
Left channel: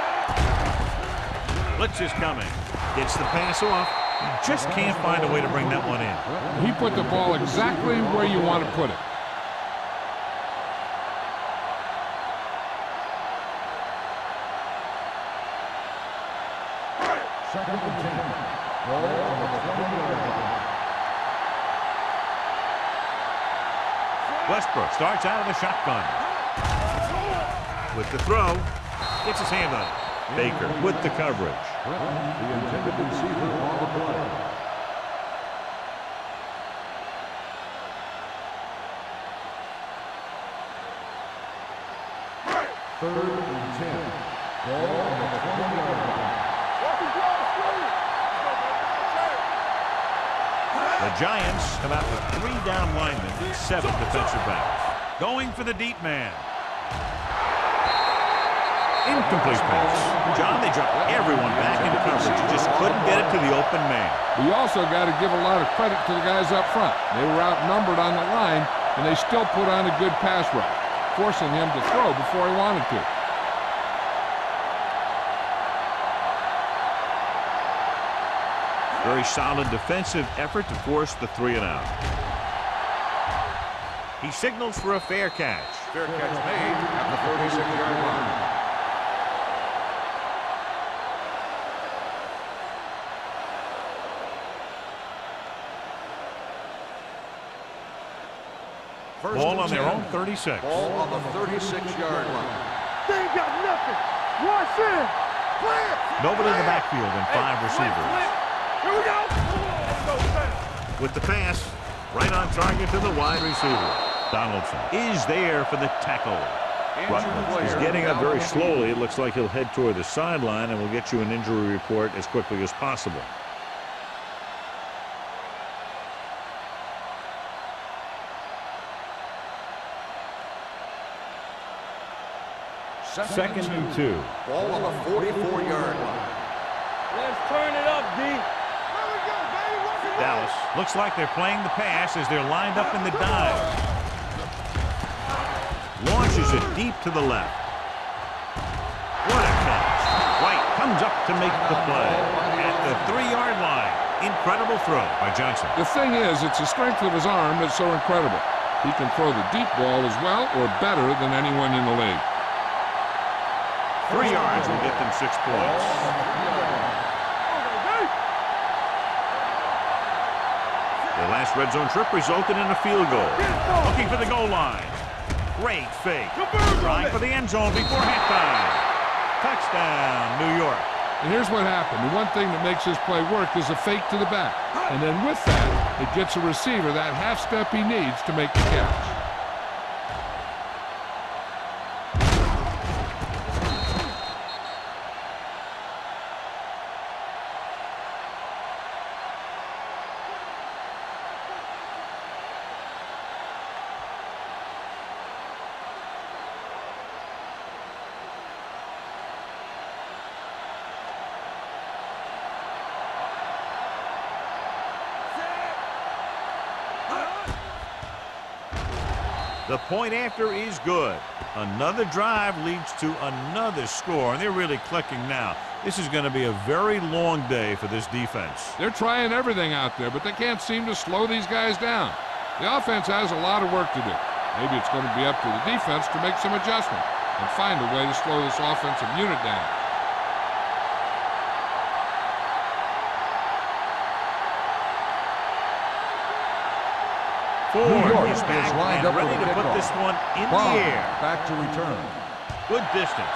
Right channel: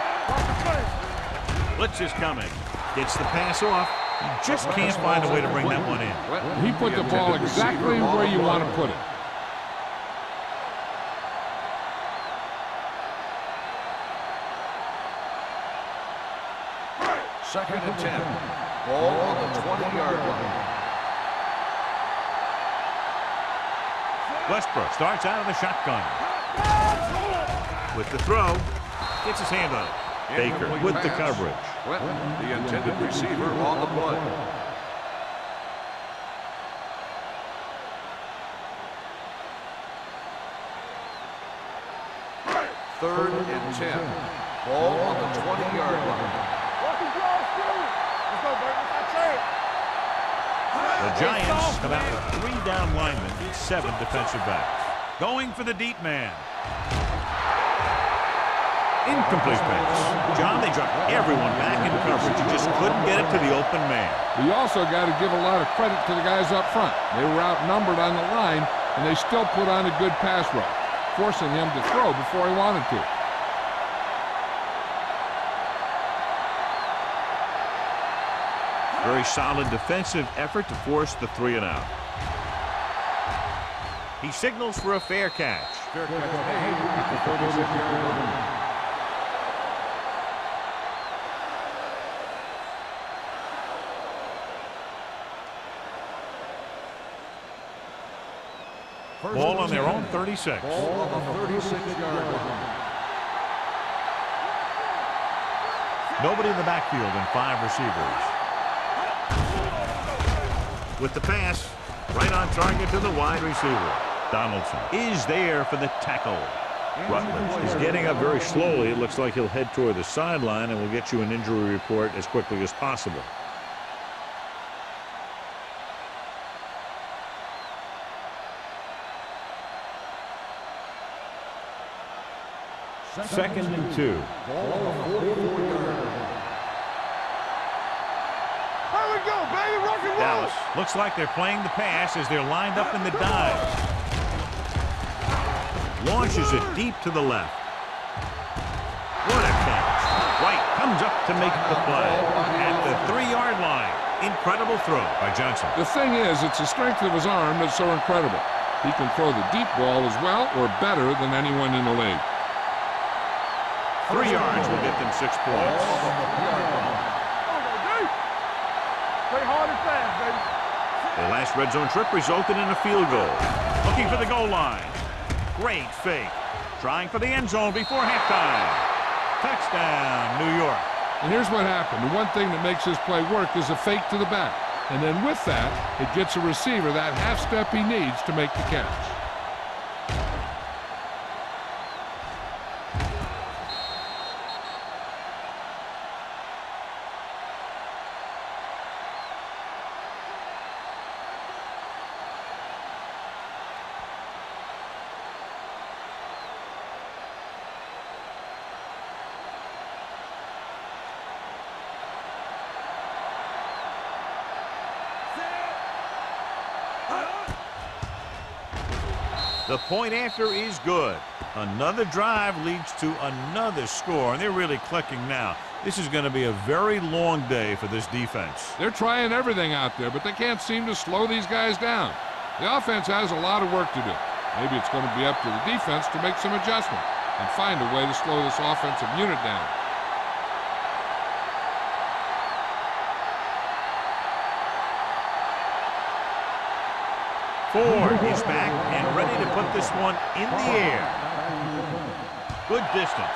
Blitz is coming. Gets the pass off. He just can't find a way to bring that one in. He put the ball exactly where you want to put it. Second and 10. Ball on the 20-yard line. Westbrook starts out of the shotgun. With the throw, gets his hand on it. Baker with the coverage. Quentin, the intended receiver on the play. Third and 10. Ball on the 20-yard line. Walking cross, let's go, baby. Let's go, chance. The Giants come out with 3 down linemen and 7 defensive backs. Going for the deep man. Incomplete pass. John, they dropped everyone back into coverage. You just couldn't get it to the open man. We also got to give a lot of credit to the guys up front. They were outnumbered on the line, and they still put on a good pass rush, forcing him to throw before he wanted to. Very solid defensive effort to force the 3 and out. He signals for a fair catch. Fair catch made at the 36-yard line. First Ball on and their 10. own 36. Ball on the 36-yard line. They ain't got nothing. Watch in. Play it. Nobody in the backfield and 5 receivers. Here we go. Let's go, fast. With the pass, right on target to the wide receiver. Donaldson is there for the tackle. Rutledge is getting up very slowly. It looks like he'll head toward the sideline, and we'll get you an injury report as quickly as possible. Second and 2. Ball on the 44-yard line. Let's turn it up, D. Here we go, baby. Rock and roll. Dallas looks like they're playing the pass as they're lined up in the dive. Launches it deep to the left. What a catch. White comes up to make the play at the 3-yard line. Incredible throw by Johnson. The thing is, it's the strength of his arm that's so incredible. He can throw the deep ball as well or better than anyone in the league. 3 yards will get them 6 points. Ball on the 3-yard line. Their last red zone trip resulted in a field goal. Looking for the goal line. Great fake. Trying for the end zone before halftime. Touchdown, New York. And here's what happened. The one thing that makes this play work is a fake to the back. And then with that, it gets a receiver that half step he needs to make the catch. The point after is good. Another drive leads to another score, and they're really clicking now. This is going to be a very long day for this defense. They're trying everything out there, but they can't seem to slow these guys down. The offense has a lot of work to do. Maybe it's going to be up to the defense to make some adjustments and find a way to slow this offensive unit down. Ford is back and ready to put this one in the air. Back to return. Good distance.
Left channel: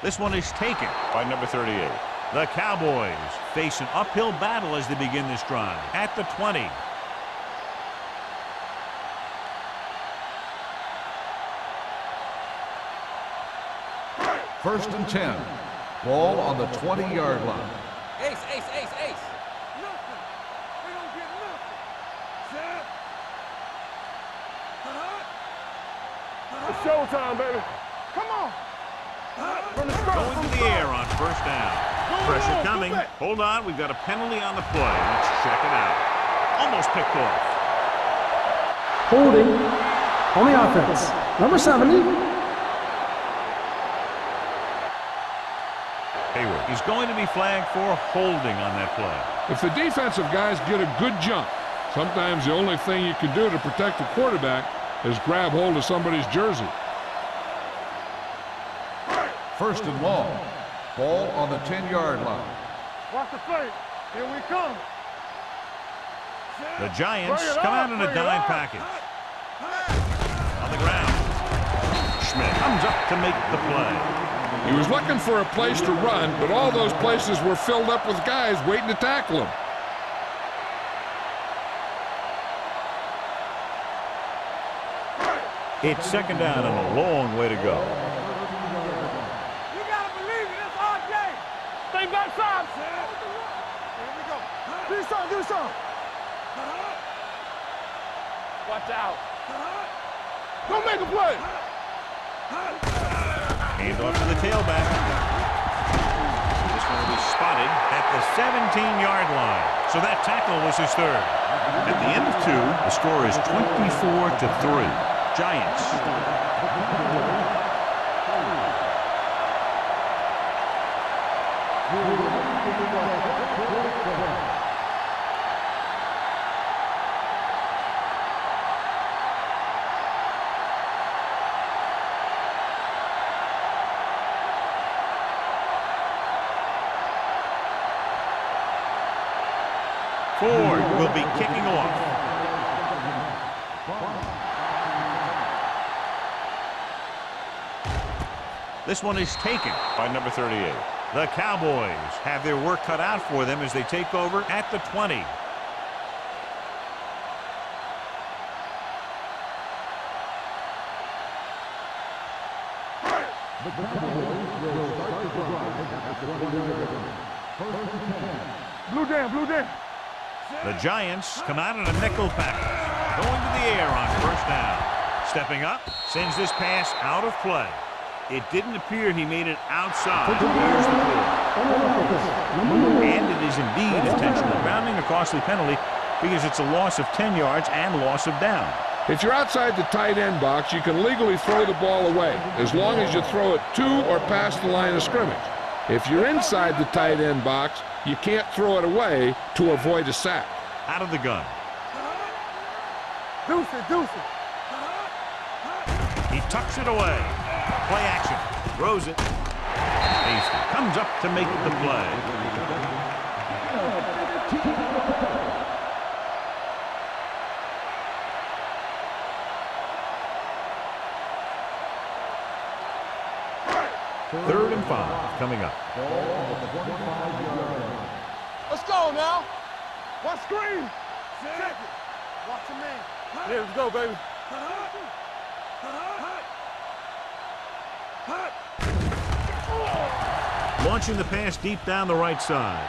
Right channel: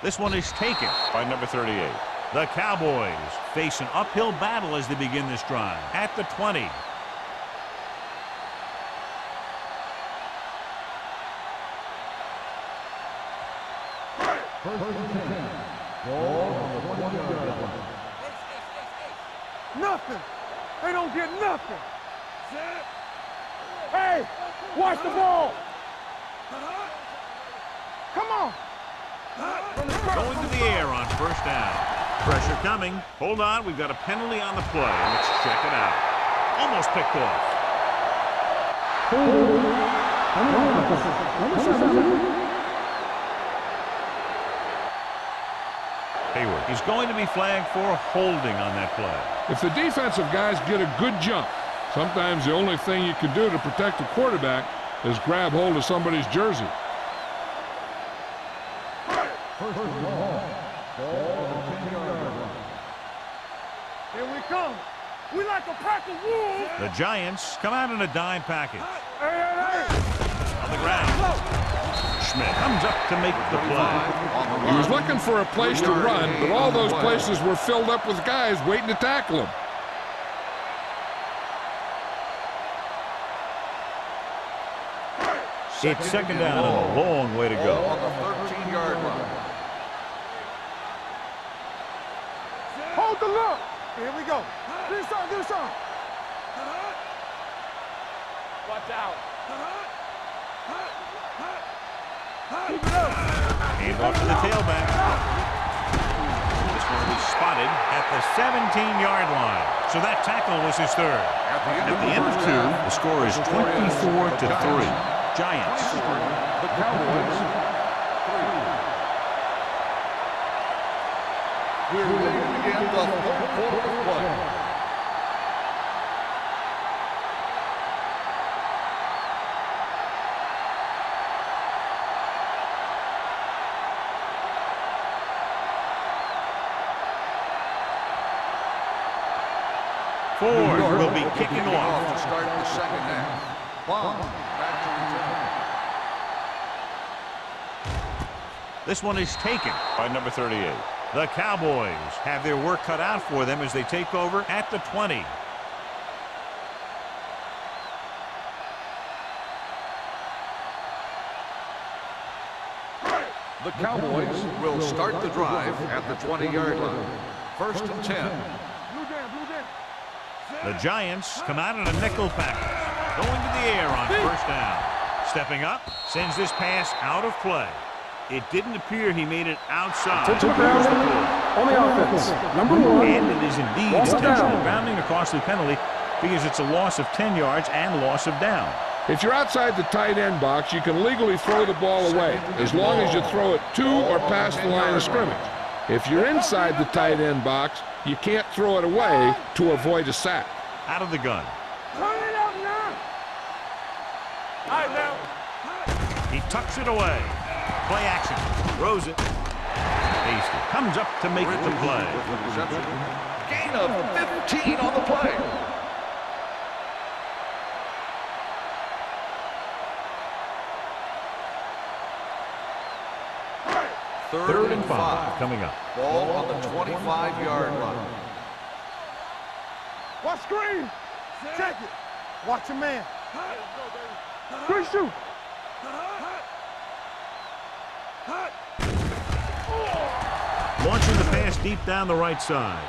This one is taken by number 38. The Cowboys face an uphill battle as they begin this drive at the 20. First and 10. Ball on the 20-yard line. Nothing. They don't get nothing. Set. Hey, watch the ball. It's showtime, baby. Come on. Going to the air on first down. Pressure coming. Hold on, we've got a penalty on the play. Let's check it out. Almost picked off. Holding on the offense. Number 70. Hayward. He's going to be flagged for holding on that play. If the defensive guys get a good jump, sometimes the only thing you can do to protect the quarterback is grab hold of somebody's jersey. First and long. Ball on the 10-yard line. Watch the play. Here we come. We like a pack of wolves. The Giants come out in a dime package. On the ground. Schmidt comes up to make the play. He was looking for a place to run, but all those places were filled up with guys waiting to tackle him. It's second down and a long way to go. On the 13-yard line. You gotta believe it. It's our game. Stay backside. Hold the look. Here we go. Do something. Do something. Watch out. Don't make a play. Hand off to the tailback. This one will be spotted at the 17-yard line. So that tackle was his third. At the end of two, the score is 24-3. Giants. The Cowboys. We're ready to begin the fourth quarter of play. Ford will be kicking off. Start the second half. Bomb. Back to return. This one is taken by number 38. The Cowboys have their work cut out for them as they take over at the 20. The Cowboys will start the drive at the 20-yard line. First and 10. Blue down. Blue down. The Giants come out in a nickel package. Going to the air on first down. Stepping up, sends this pass out of play. It didn't appear he made it outside. Here's the call. On the offense. Number 1. And it is indeed intentional grounding, a costly penalty because it's a loss of 10 yards and loss of down. If you're outside the tight end box, you can legally throw the ball away as long as you throw it to or past the line of scrimmage. If you're inside the tight end box, you can't throw it away to avoid a sack. Out of the gun. Deuce it. Deuce it. He tucks it away. Play action. Throws it. Hasty comes up to make the play. Gain of 15 on the play. Third and 5 coming up. Ball on the 25-yard line. Let's go now. Watch screen. Check it. Watch your man. There we go, baby. Quick shoot. Launching the pass deep down the right side.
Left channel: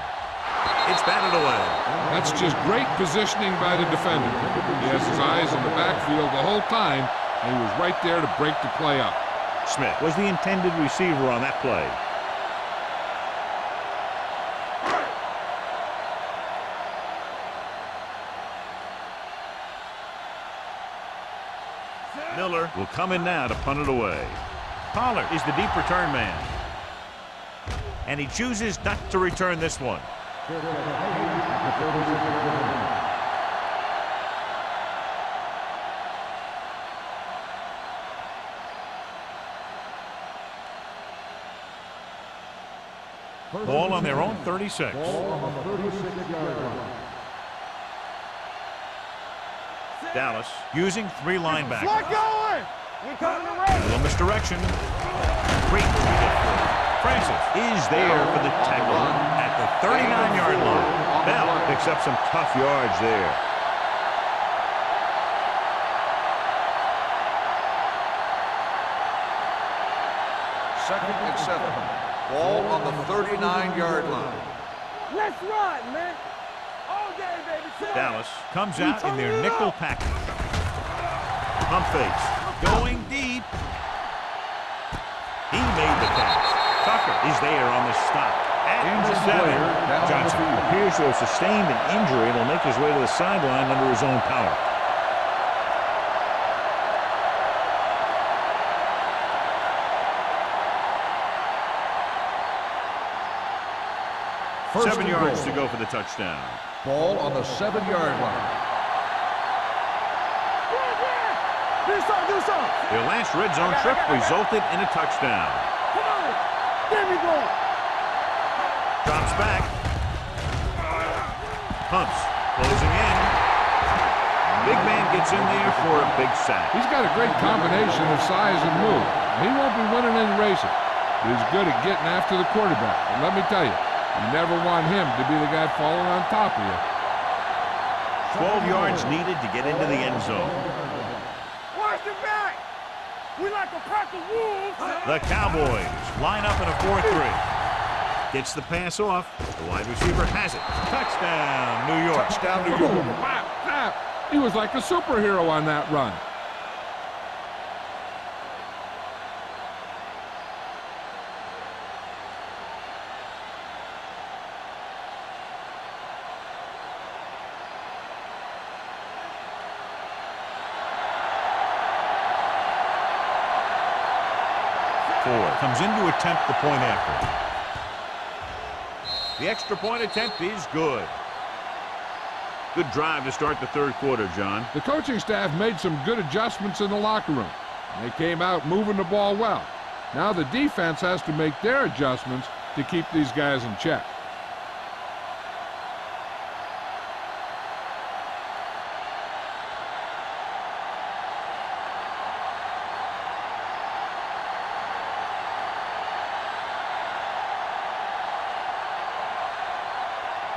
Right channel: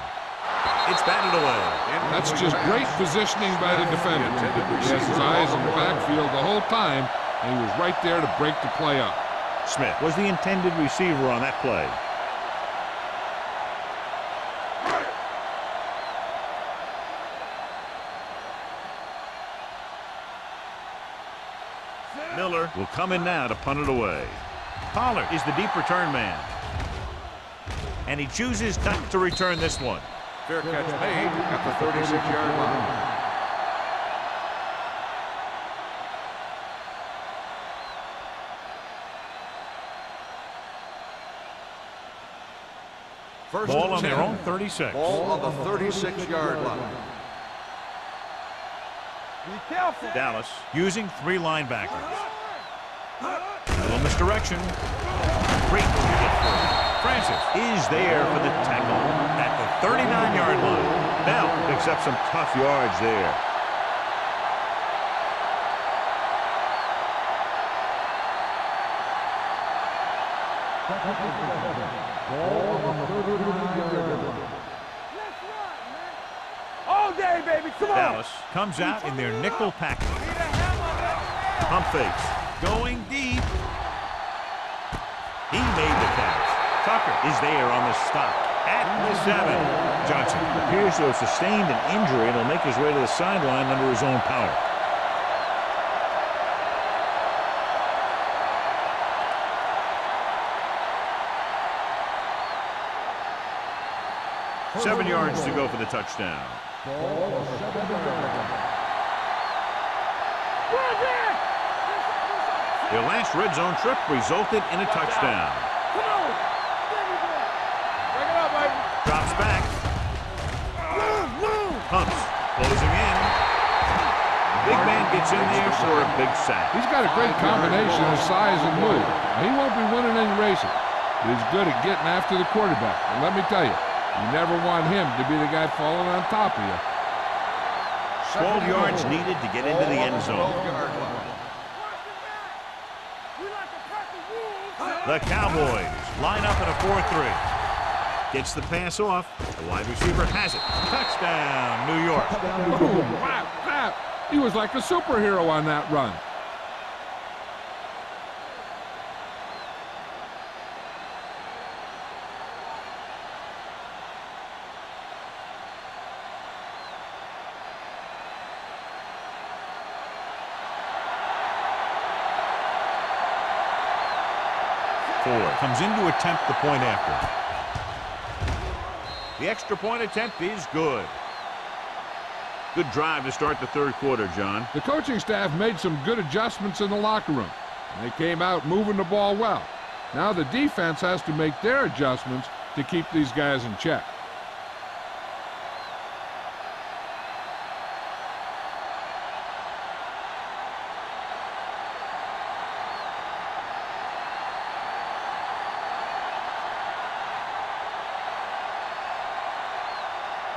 It's batted away. That's just great positioning by the defender. He has his eyes in the backfield the whole time, and he was right there to break the play up. Smith was the intended receiver on that play. Miller will come in now to punt it away. Pollard is the deep return man. And he chooses not to return this one. Fair catch made at the 36-yard line. Ball on their own 36. Ball on the 36-yard line. Dallas using 3 linebackers. A little misdirection. Great move to get through. Francis is there for the tackle at the 39-yard line. Bell picks up some tough yards there. Second and 7. Ball on the 39-yard line. Let's run, man. All day, baby. Come on. Dallas comes out in their nickel package. Pump fakes. Going deep. He made the catch. Tucker is there on the stop. At the 7. Johnson appears to have sustained an injury and will make his way to the sideline under his own power. First 7 and yards goal. to go for the touchdown. Ball on the 7-yard line. Their last red zone trip resulted in a touchdown. Come on. Give me ball. Drops back. Pumps. Closing in. Big man gets in there for a big sack. He's got a great combination of size and move. Now, he won't be winning any races, but he's good at getting after the quarterback. And let me tell you, you never want him to be the guy falling on top of you. 12 yards needed to get into the end zone. Watch your back. We like a pack of wolves. The Cowboys line up in a 4-3. Gets the pass off. The wide receiver has it. Touchdown, New York. Boom, wow, snap. He was like a superhero on that run. Ford comes in to attempt the point after. The extra point attempt is good. Good drive to start the third quarter, John. The coaching staff made some good adjustments in the locker room, and they came out moving the ball well. Now the defense has to make their adjustments to keep these guys in check.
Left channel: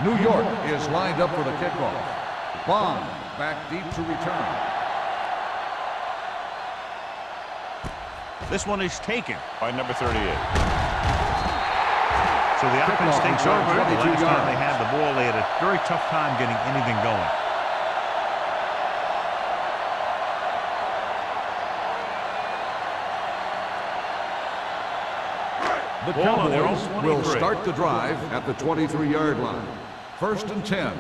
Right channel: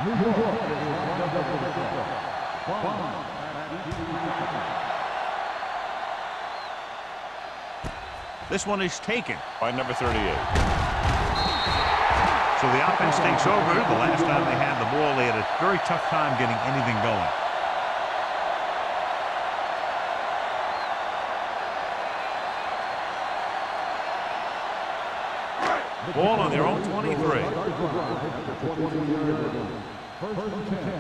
New York is lined up for the kickoff. Bond back deep to return. This one is taken by number 38. So the offense takes over. The last time they had the ball, they had a very tough time getting anything going. The Ball on their own Cowboys 23. will start the drive at the 23-yard line. First and 10.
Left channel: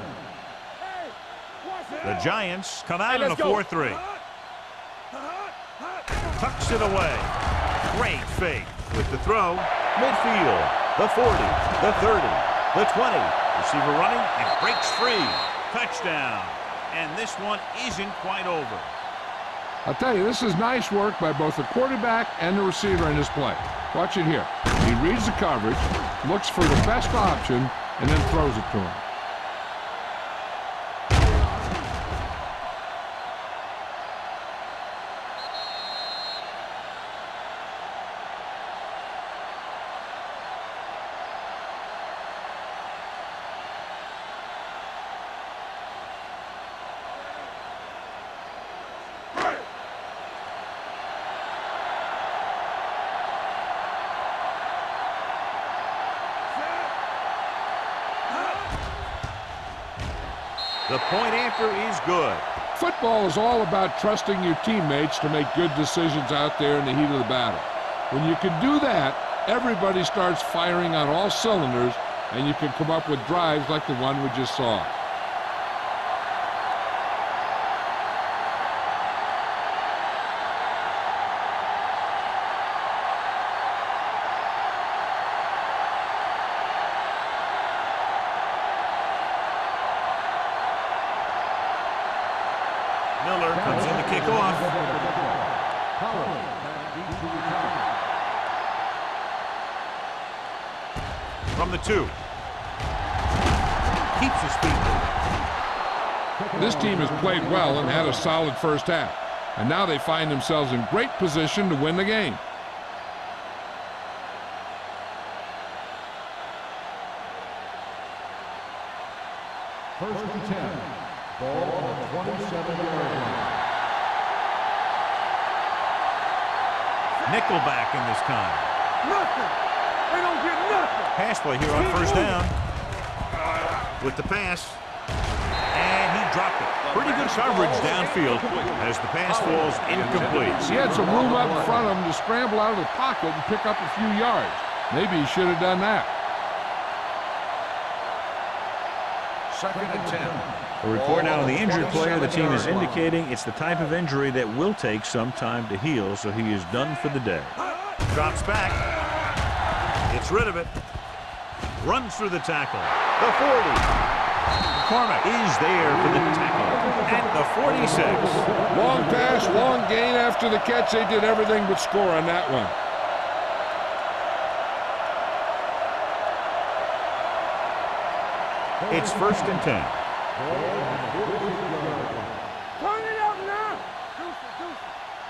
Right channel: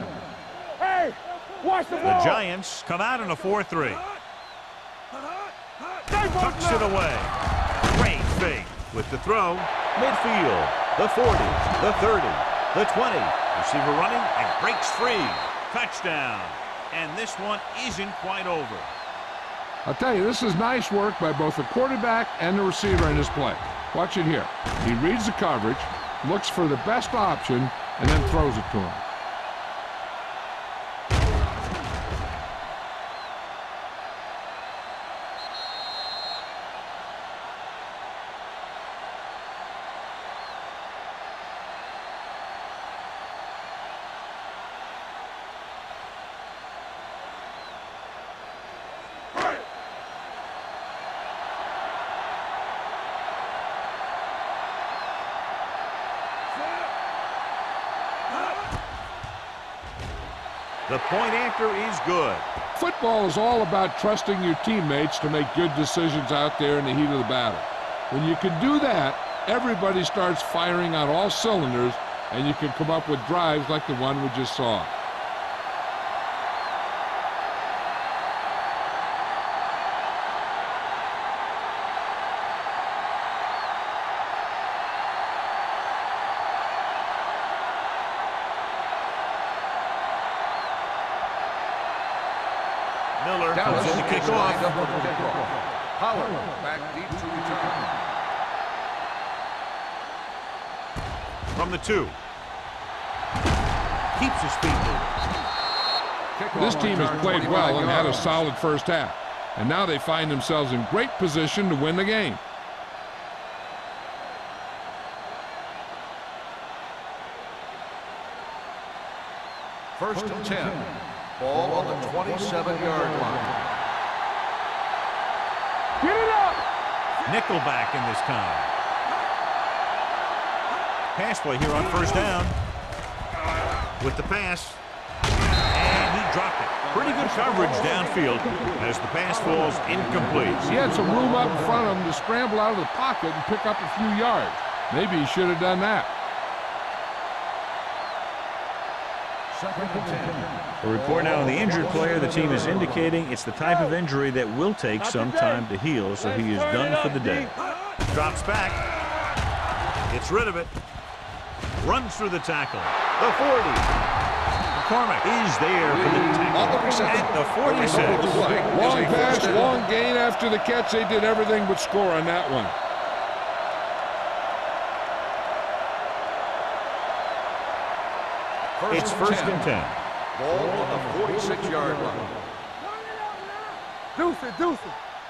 Hey, watch it. The Giants come out in a 4-3. Tucks it away. Great fake with the throw. Midfield. The 40. The 30. The 20. Receiver running and breaks free. Touchdown. And this one isn't quite over. I'll tell you, this is nice work by both the quarterback and the receiver in this play. Watch it here. He reads the coverage, looks for the best option, and then throws it to him. The point after is good. Football is all about trusting your teammates to make good decisions out there in the heat of the battle. When you can do that, everybody starts firing on all cylinders, and you can come up with drives like the one we just saw. Miller comes in to kick off. Howard back deep to return. From the 2. Keeps his feet moving. This team has played well and had a solid first half, and now they find themselves in great position to win the game. First and 10. Ball on the 27-yard line. Get it up. Nickelback in this time. pass play here on first down. With the pass. And he dropped it. Pretty good coverage downfield as the pass falls incomplete. He had some room up in front of him to scramble out of the pocket and pick up a few yards. Maybe he should have done that. 2nd and 10. A report now on the injured player. The team is indicating it's the type of injury that will take some time to heal, so he is done for the day. Drops back. Gets rid of it. Runs through the tackle. The 40. McCormick is there for the tackle at the 46. Long pass, long gain after the catch. They did everything but score on that one. It's 1st and 10. Ball on the 46-yard line. Turn it up now. Deuce it, deuce it.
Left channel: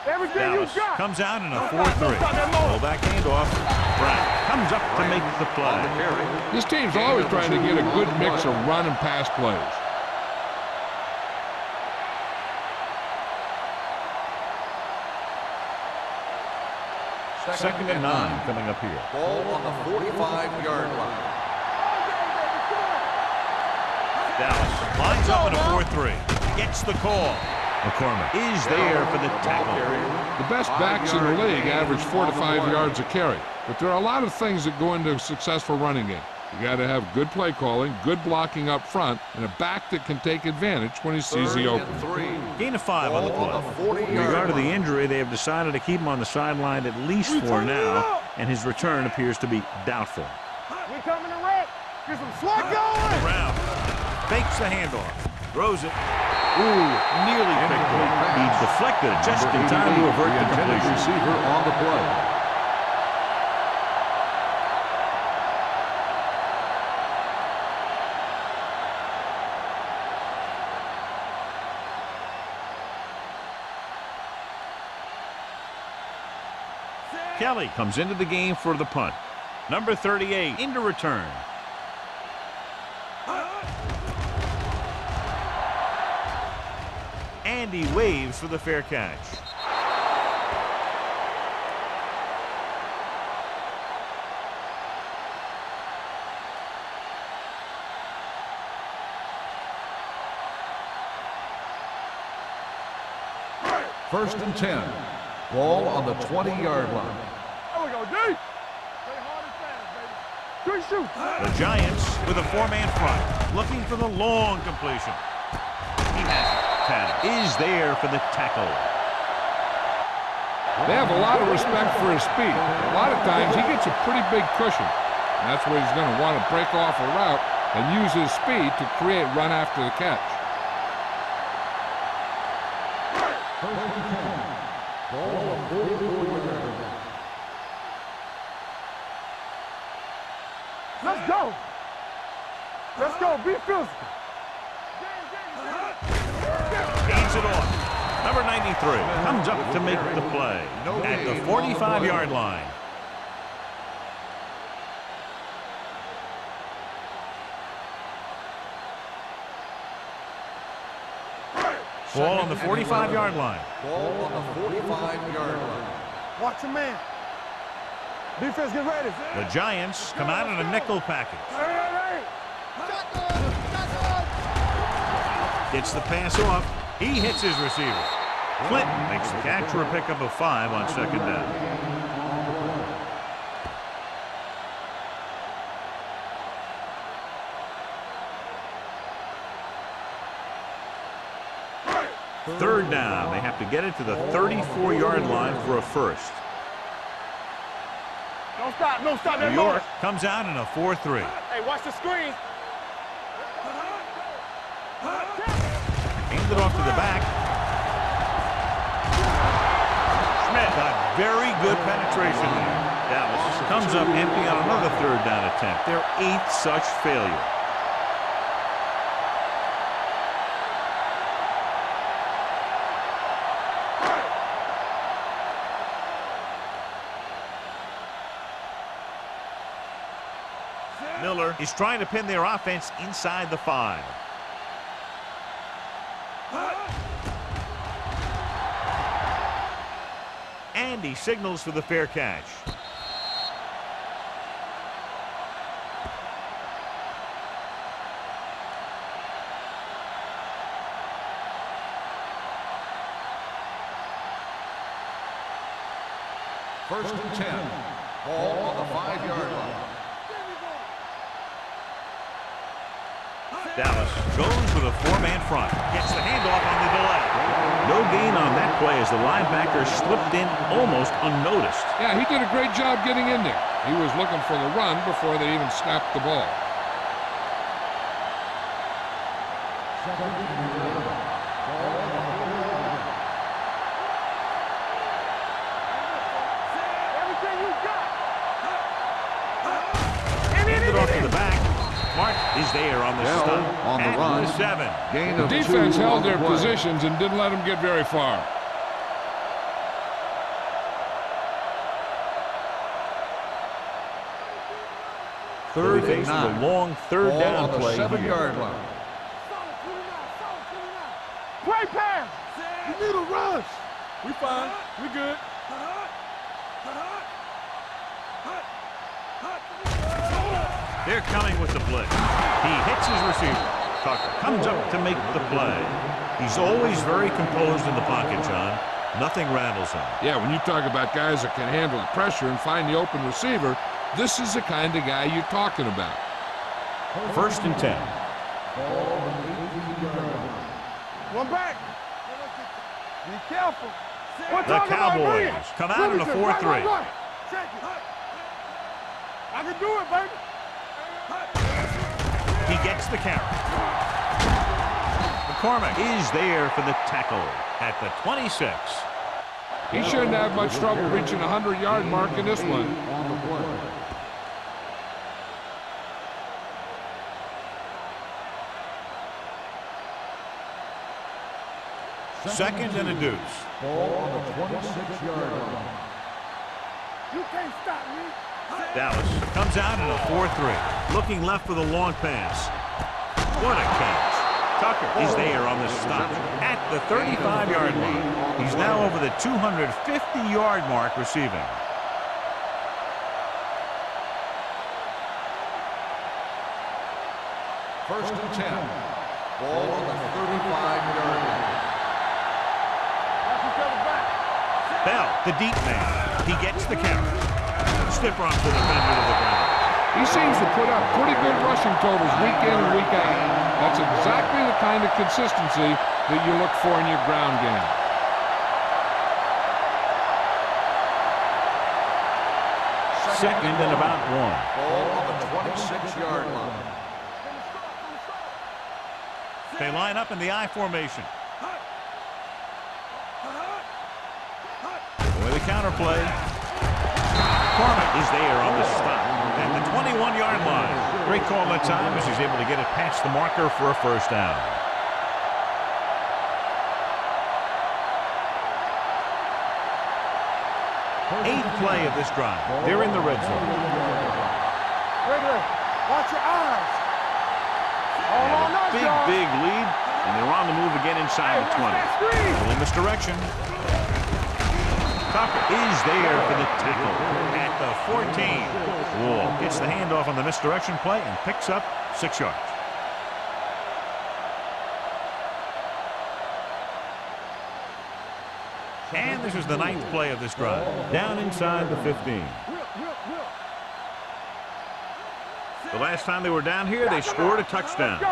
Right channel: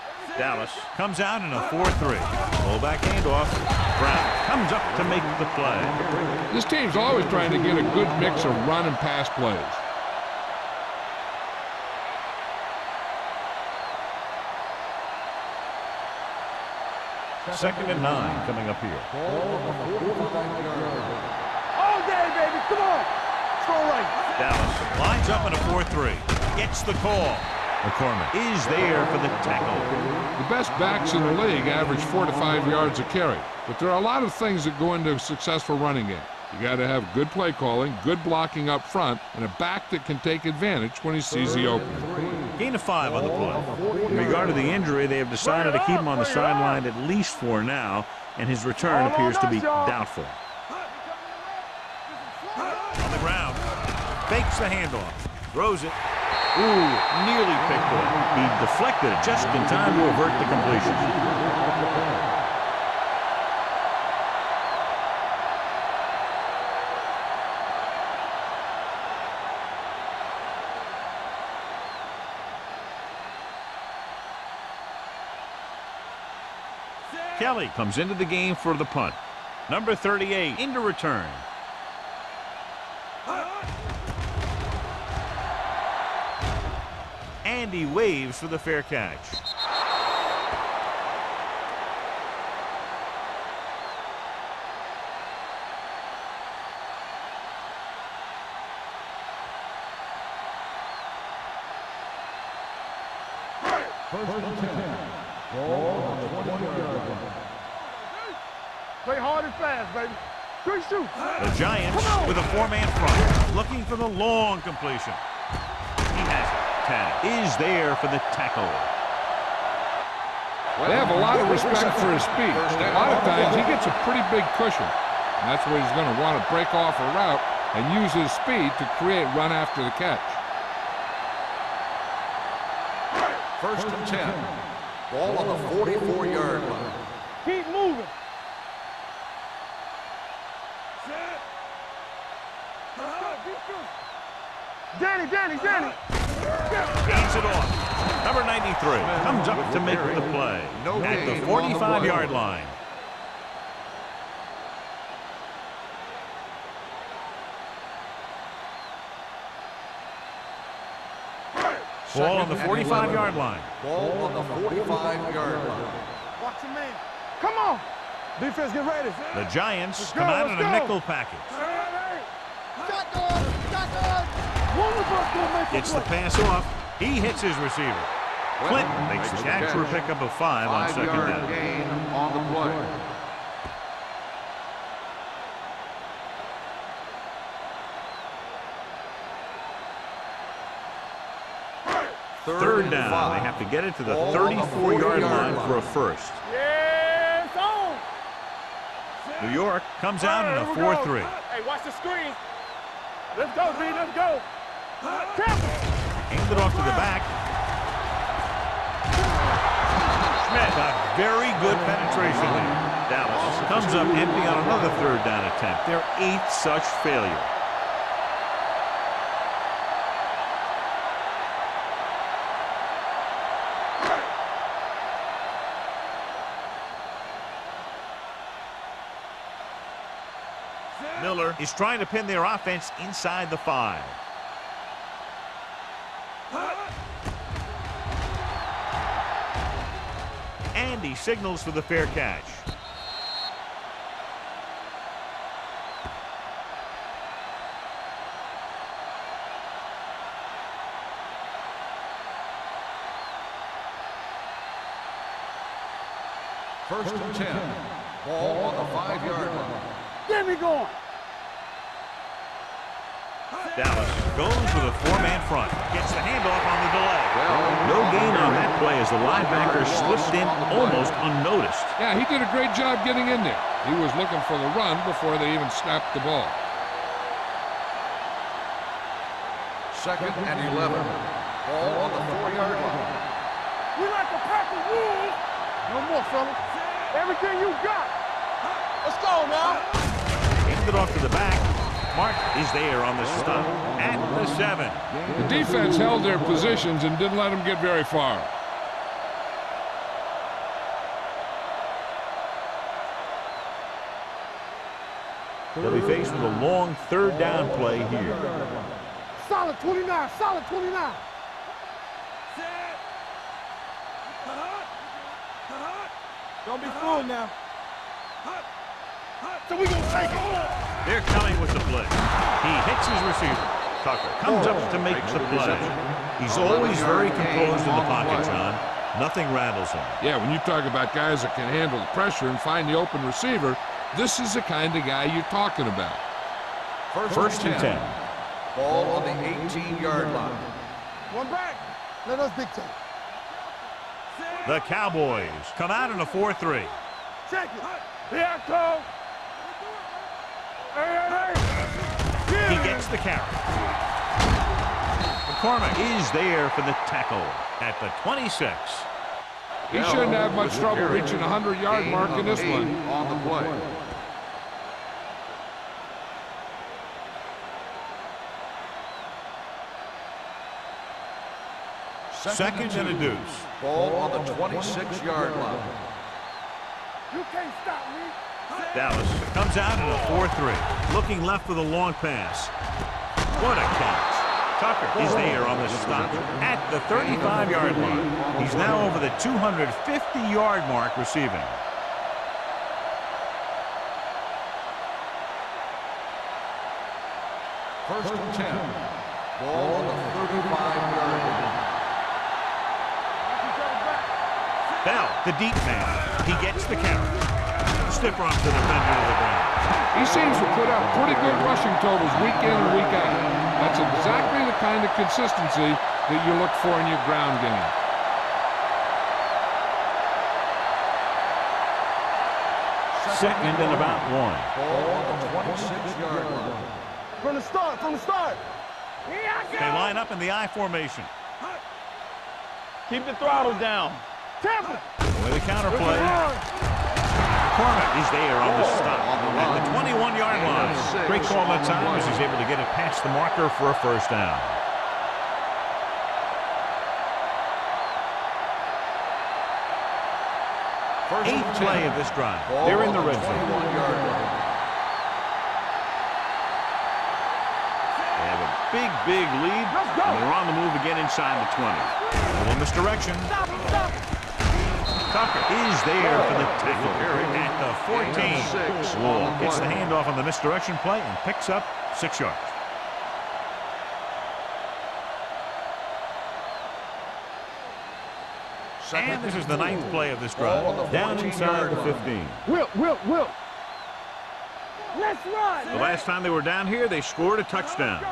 Everything Dallas you got. comes out in a 4-3. Fullback handoff. Brown comes up to make the play. This team's always trying to get a good mix of run and pass plays. Second and 9 coming up here. Ball on the 45-yard line. All day, baby. Come on. Throw away. Dallas lines up in a 4-3. Gets the call. McCormick is there for the tackle. The best backs in the league average 4 to 5 yards a carry, but there are a lot of things that go into a successful running game. You got to have good play calling, good blocking up front, and a back that can take advantage when he sees the opening. Gain of 5 on the play. In regard to the injury, they have decided to keep him on the sideline at least for now, and his return appears to be doubtful. We coming to wreck. Get some slug On the ground, fakes the handoff, throws it. Ooh, nearly picked off. He deflected it just in time to avert the completion. On the play. Kelly comes into the game for the punt. Number 38 into return. And he waves for the fair catch. First and 10. Ball on the 20-yard line. There we go, D. Play hard and fast, baby. 3 shoots. The Giants with a 4-man front, looking for the long completion. He has it. Tanner is there for the tackle. They have a lot of respect for his speed. A lot of times he gets a pretty big cushion, and that's where he's going to want to break off a route and use his speed to create run after the catch. First and 10. Ball on the 44-yard line. Keep moving. Let's go. Let's go. Be physical. Danny. Gains it off. Number 93 comes up to make the play at the 45-yard line. Ball on the 45-yard line. Ball on the 45-yard line. Watch your man. Come on. Defense, get ready. The Giants come out in a nickel package. Hey. Gets the pass off. He hits his receiver. Clinton makes the catch for a pickup of 5 on second down. Gain on the play. Third down. They have to get it to the 34-yard line for a first. Yeah, it's on. Don't stop. No stop. New York comes out in a 4-3. Hey, watch the screen. Let's go, D. Let's go. Aimed it off to the back. Schmidt got very good penetration there. Dallas comes up empty on another third down attempt. Their 8th such failure. Miller is trying to pin their offense inside the 5. And he signals for the fair catch. First and 10. Ball on the 5-yard line. Get me going. Dallas goes with a 4-man front. Gets the handoff on the delay. No gain on that play as the linebacker slipped in almost unnoticed. Yeah, he did a great job getting in there. He was looking for the run before they even snapped the ball. Second and 11. Ball on the 4-yard line. We like to pack the rules. No more, fella. Everything you got. Let's go, man. Handed off to the back. Mark is there on the stop at the 7. The defense held their positions and didn't let them get very far. They'll be faced with a long 3rd down play here. Solid 29, solid 29. Play pass. You need a rush. We fine. We good. Don't be fooling now. So we gonna take hold. They're coming with the blitz. He hits his receiver. Tucker comes up to make the play. He's always very composed in the pocket, John. Nothing rattles him. Yeah, when you talk about guys that can handle the pressure and find the open receiver, this is the kind of guy you're talking about. First and 10. Ball on the 18-yard line. One back. Let us dictate. Be careful. The Cowboys come out in a 4-3. Check it. Here I come. I can do it, baby. He gets the carry. McCormick is there for the tackle at the 26. He shouldn't have much trouble reaching the 100-yard mark in this one. On the play. Second and a deuce. Ball on the 26-yard line. You can't stop me. Dallas comes out in a 4-3. Looking left for the long pass. What a catch. Tucker is there on the stop at the 35-yard line. He's now over the 250-yard mark receiving. First and 10. Ball on the 35-yard line. Watch each other back. Bell, the deep man. He gets the carry. Stiff arm to the defender to the ground. He seems to put up pretty good rushing totals week in and week out. That's exactly the kind of consistency that you look for in your ground game. Second and about 1. Ball on the 26-yard line. From the start, from the start. They line up in the I formation. Keep the throttle down. With a counter play. McCormick is there on the stop at the 21-yard line. Great call that time as he's able to get it past the marker for a first down. Eighth play of this drive. They're in the red zone. Watch your eyes. They have a big lead, and they're on the move again inside the 20. A little misdirection. Tucker is there for the tackle at the 14. Wall gets the handoff on the misdirection play and picks up 6 yards. And this is the 9th play of this drive. Down inside the 15. Will. Let's run. The last time they were down here, they scored a touchdown.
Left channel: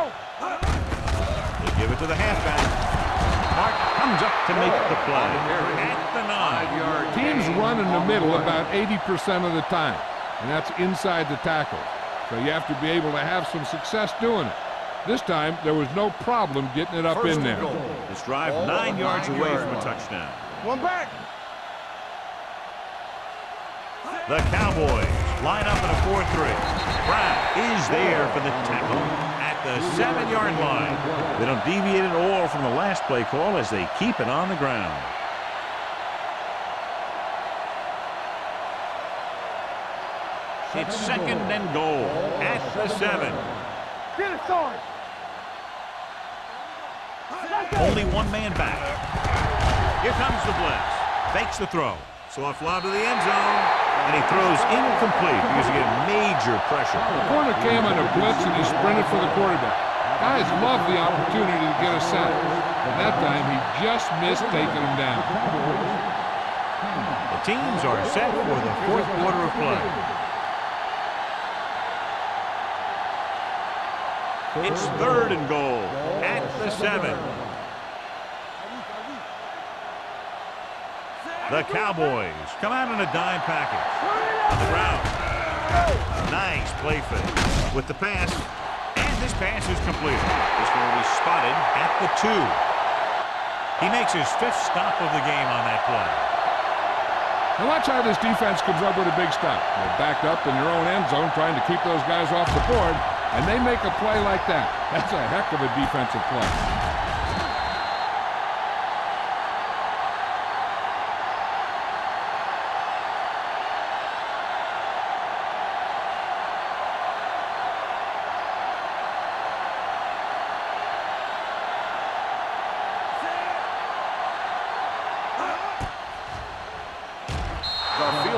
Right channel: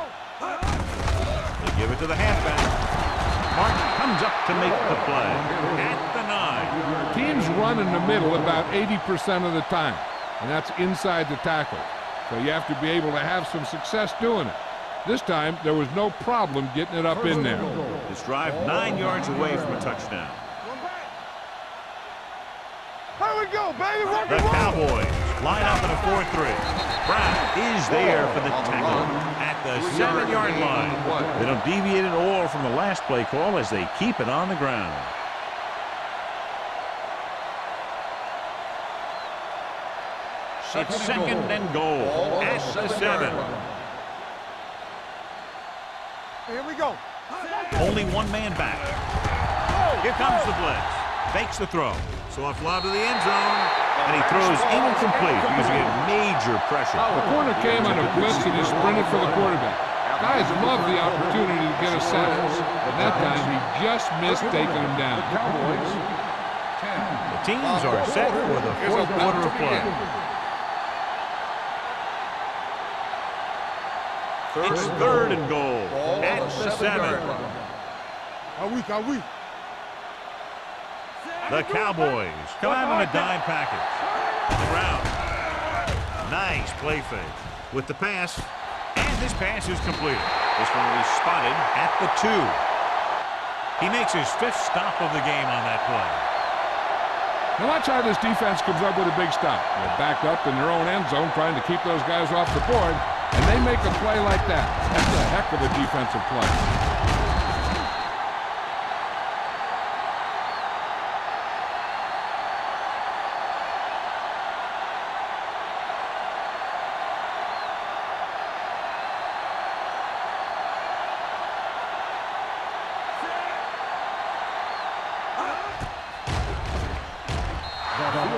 They give it to the halfback. Mark comes up to make the play at the 9. Teams run in the middle about 80% of the time, and that's inside the tackles. So you have to be able to have some success doing it. This time, there was no problem getting it up in there. This drive 9 yards away from a touchdown. One back. Here we go, baby. The Cowboys line up in a 4-3. Brown is there for the tackle at the 7-yard line. They don't deviate at all from the last play call as they keep it on the ground. It's second and goal at the 7. Get it, Sarge. Here we go. Only one man back. Here comes the blitz. Fakes the throw. So a fly to the end zone, and he throws incomplete because he get major pressure. The corner came on a blitz, and he sprinted for the quarterback. Guys love the opportunity to get a sack, and that time he just missed taking him down. The teams are set for the fourth quarter of play. It's 3rd and goal at the 7. The Cowboys come out in a dime package. On the ground. Nice play fake with the pass. And this pass is completed. This one will be spotted at the 2. He makes his 5th stop of the game on that play. Now watch how this defense comes up with a big stop. They're backed up in their own end zone trying to keep those guys off the board, and they make a play like that. That's a heck of a defensive play.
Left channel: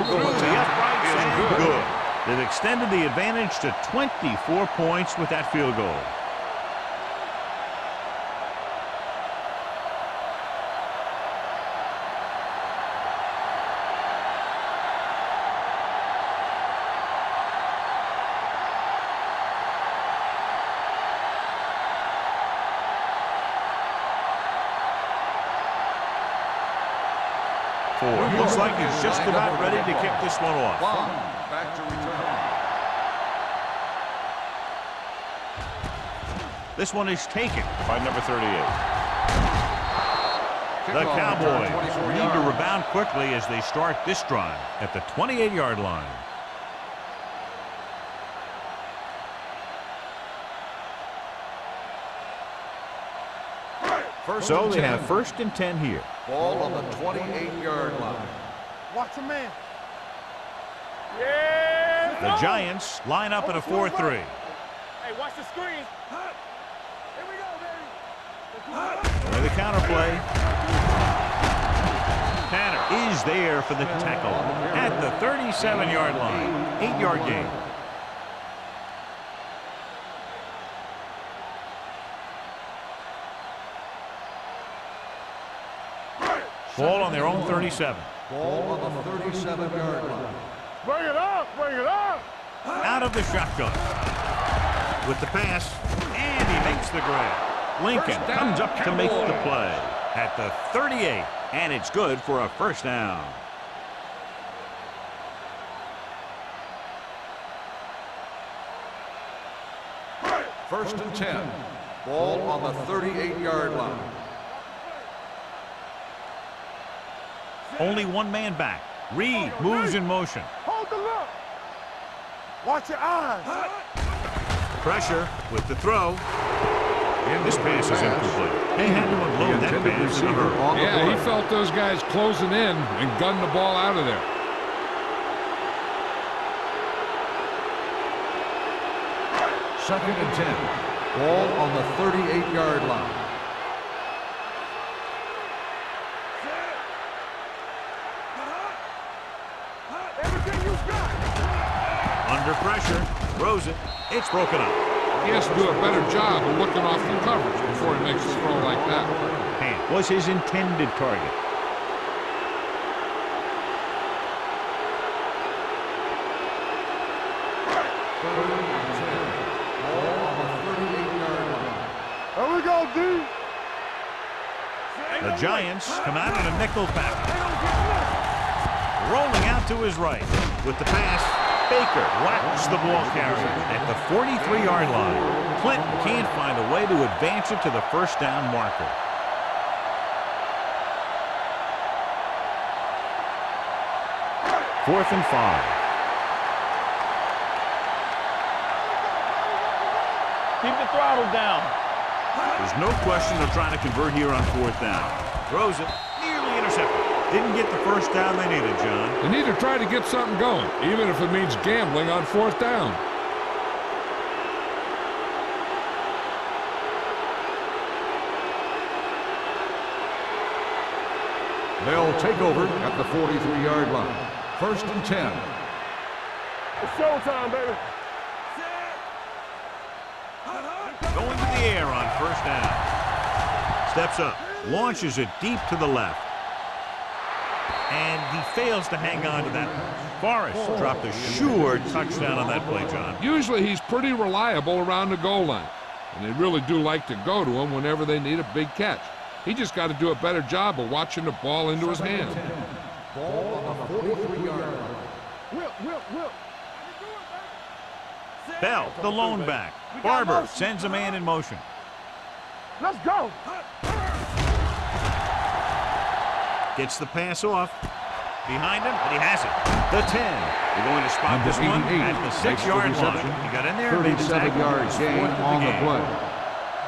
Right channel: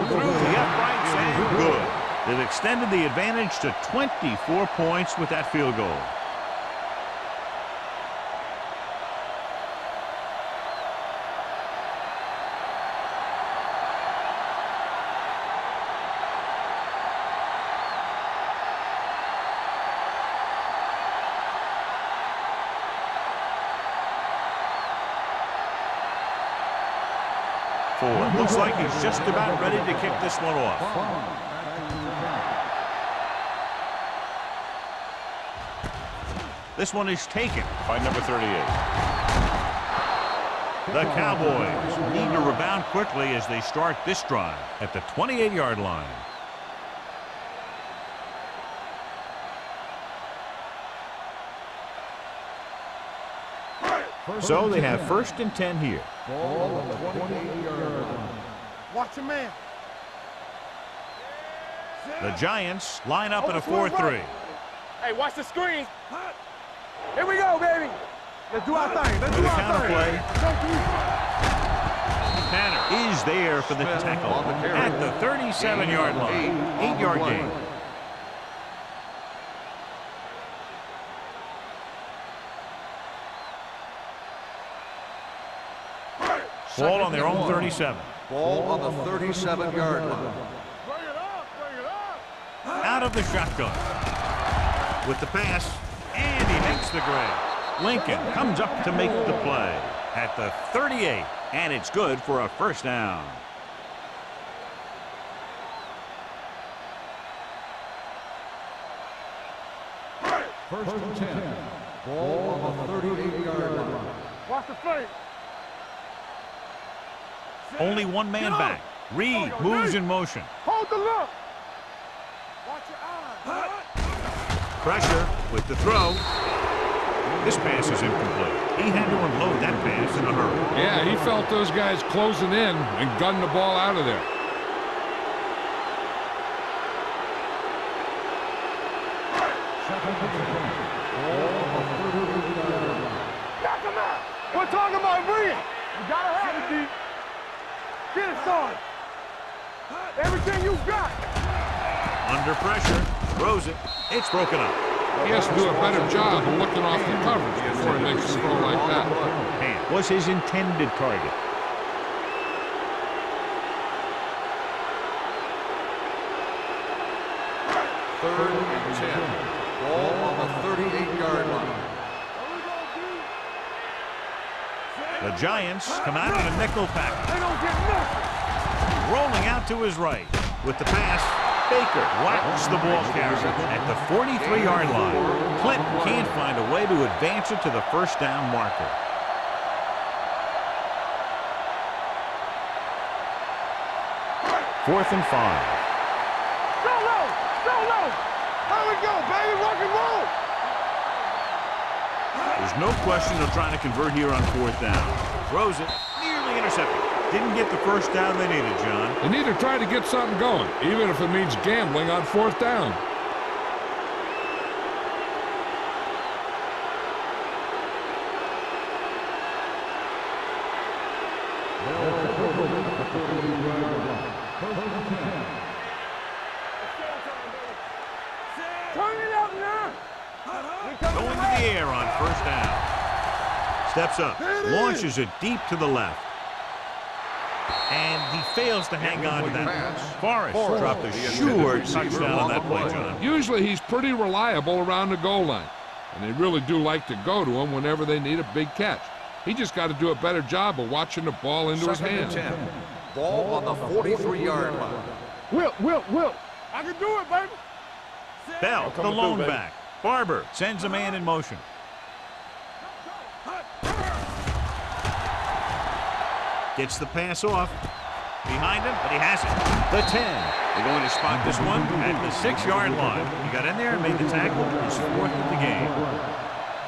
Through the uprights and good. They've extended the advantage to 24 points with that field goal. Looks like he's just about ready to kick this one off. Back to return. This one is taken by number 38. The Cowboys need to rebound quickly as they start this drive at the 28-yard line. So they have 1st and 10 here. Ball on the 28-yard line. Watch a man. The Giants line up in a 4-3. Hey, watch the screen. Here we go, baby. Let's do it right. With a counter play. Tanner is there for the tackle at the 37-yard line. 8-yard gain. Ball on their own 37. Ball on the 37-yard line. Bring it up, bring it up. Out of the shotgun. With the pass, and he makes the grab. Lincoln comes up to make the play at the 38, and it's good for a 1st down. First and 10. Ball on the 38-yard line. Watch the play. Only one man back. Reed moves in motion. Hold the look. Watch your eyes. Pressure with the throw. This pass is incomplete. He had to unload that pass in a hurry. Yeah, he felt those guys closing in and gunned the ball out of there. Second and 10. Ball on the 38-yard line. We're talking about Reed. You gotta have it, G. Get it started. Everything you got. Under pressure, throws it. It's broken up. He has to do a better job of looking off the coverage before he makes a throw like that. Hand was his intended target. Third and 10. Ball on the 38-yard line. There we go, D. The Giants come out in a nickel package. They don't get nothing. Rolling out to his right. With the pass, Baker whacks the ball carrier at the 43-yard line. Clinton can't find a way to advance it to the 1st down marker. Fourth and 5. Keep the throttle down. There's no question they're trying to convert here on 4th down. Throws it, nearly intercepted. Didn't get the 1st down they needed, John. They need to try to get something going, even if it means gambling on 4th down. They'll take over at the 43-yard line. First and 10. It's showtime, baby. Turn it up now. Going to the air on 1st down. Steps up, launches it deep to the left. And he fails to hang on to that. Forrest dropped a sure touchdown on that play, John. Usually he's pretty reliable around the goal line, and they really do like to go to him whenever they need a big catch. He just got to do a better job of watching the ball into his hands. Ball on the 43-yard line. Whip. I can do it, baby. Bell, the lone back. Barber sends a man in motion. Let's go. Gets the pass off. Behind him, but he has it. The 10. They're going to spot this one at the 6-yard line. He got in there and made the tackle. He's fourth of the game.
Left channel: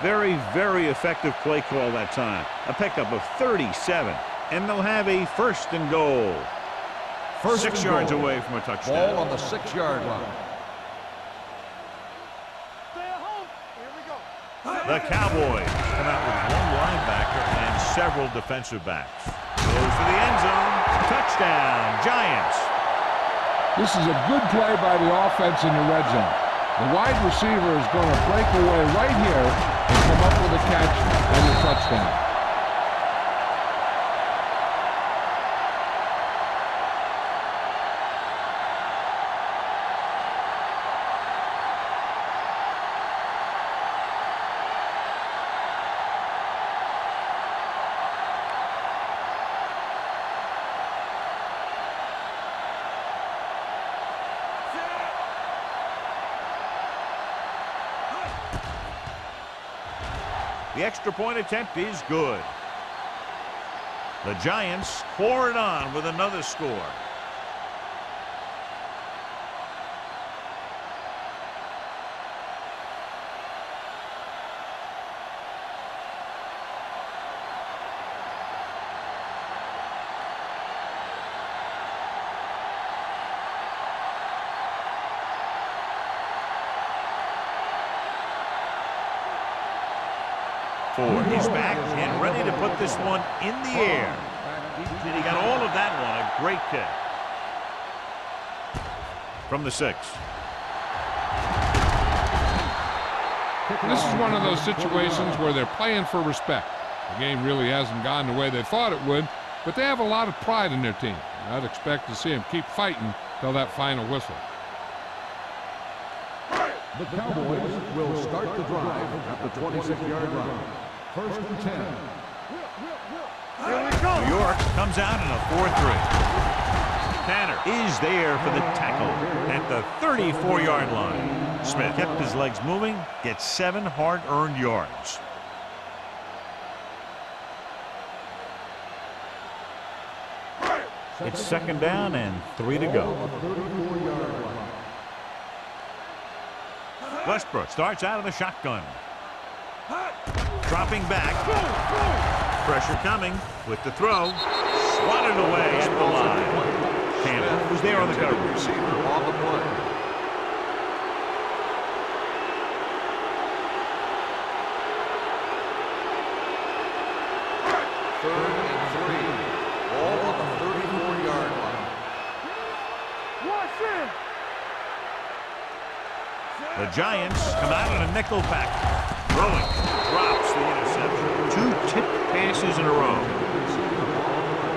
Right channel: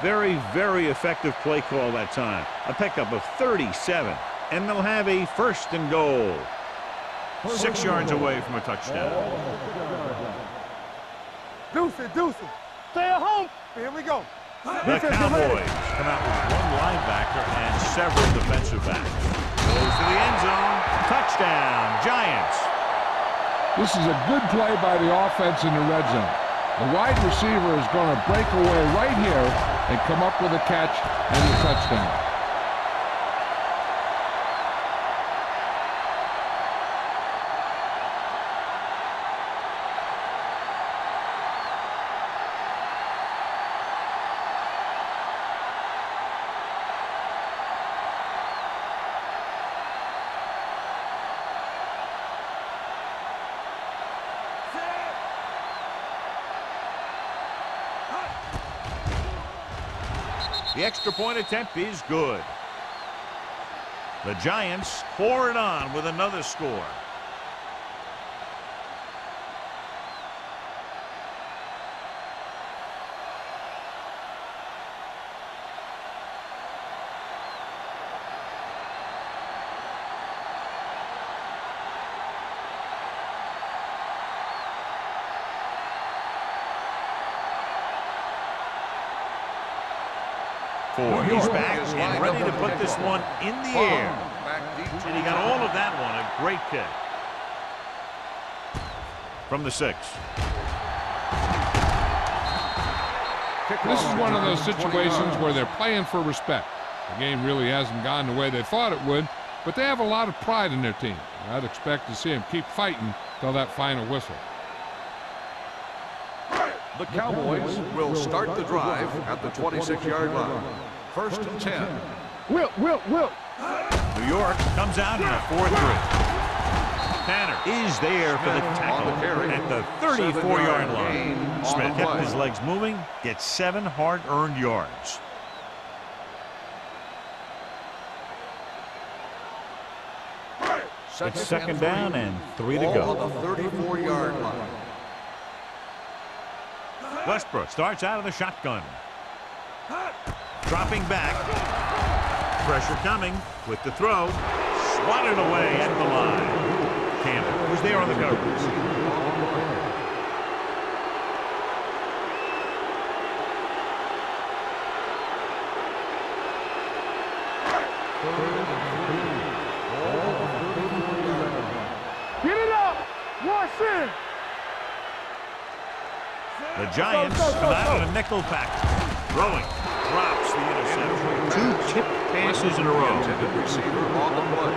Very, very effective play call that time. A pickup of 37. And they'll have a 1st and goal. 6 yards away from a touchdown. Ball on the 6-yard line. Deuce. Stay at home. Here we go. The Cowboys come out with one linebacker and several defensive backs. Goes to the end zone. Touchdown, Giants. This is a good play by the offense in the red zone. The wide receiver is going to break away right here and come up with a catch and a touchdown. The extra point attempt is good. The Giants pour it on with another score. He's back and ready to put this one in the air. And he got all of that one. A great kick. From the 6. This is one of those situations where they're playing for respect. The game really hasn't gone the way they thought it would, but they have a lot of pride in their team. I'd expect to see them keep fighting till that final whistle. The Cowboys will start the drive at the 26-yard line. 1st and 10. Whip. New York comes out in a 4-3. Tanner is there for the tackle at the 34-yard line. Smith kept his legs moving, gets 7 hard-earned yards. It's 2nd down and 3 to go. 34-yard line. Westbrook starts out of the shotgun. Dropping back. Pressure coming with the throw. Swatted away at the line. Campbell was there on the coverage. Receiver on the play. Third and 3. Ball on the 34-yard line. Get it up. Rush in. The Giants come out on a nickel pack. Throwing. Drops the interception. 2 tipped passes in a row. Intended receiver on the play.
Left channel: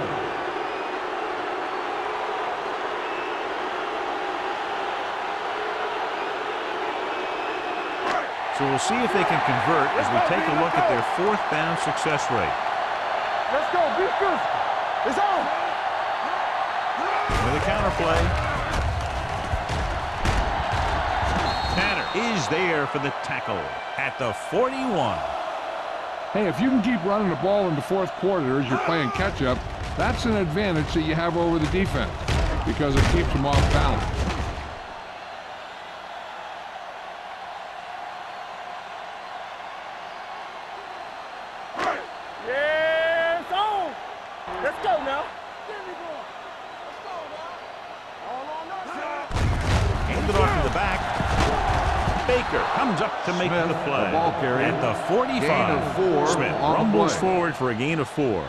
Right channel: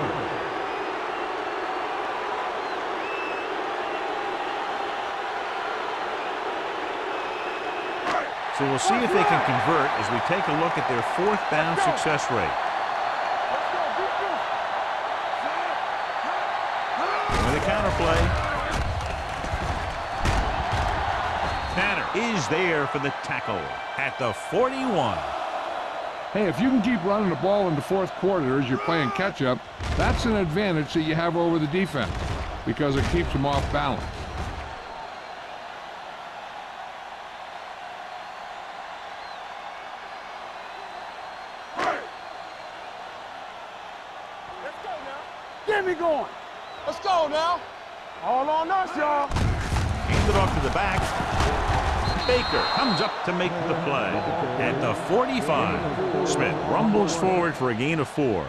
So we'll see if they can convert as we take a look at their 4th down success rate. Let's go. Be good. It's on. With a counter play. Tanner is there for the tackle at the 41. Hey, if you can keep running the ball in the 4th quarter as you're playing catch-up, that's an advantage that you have over the defense because it keeps them off balance. Yeah, it's on. Let's go now. Get me going. Let's go now. All on us, y'all. Hand it off to the back. Baker comes up to make the play at the 45. Smith rumbles forward for a gain of 4.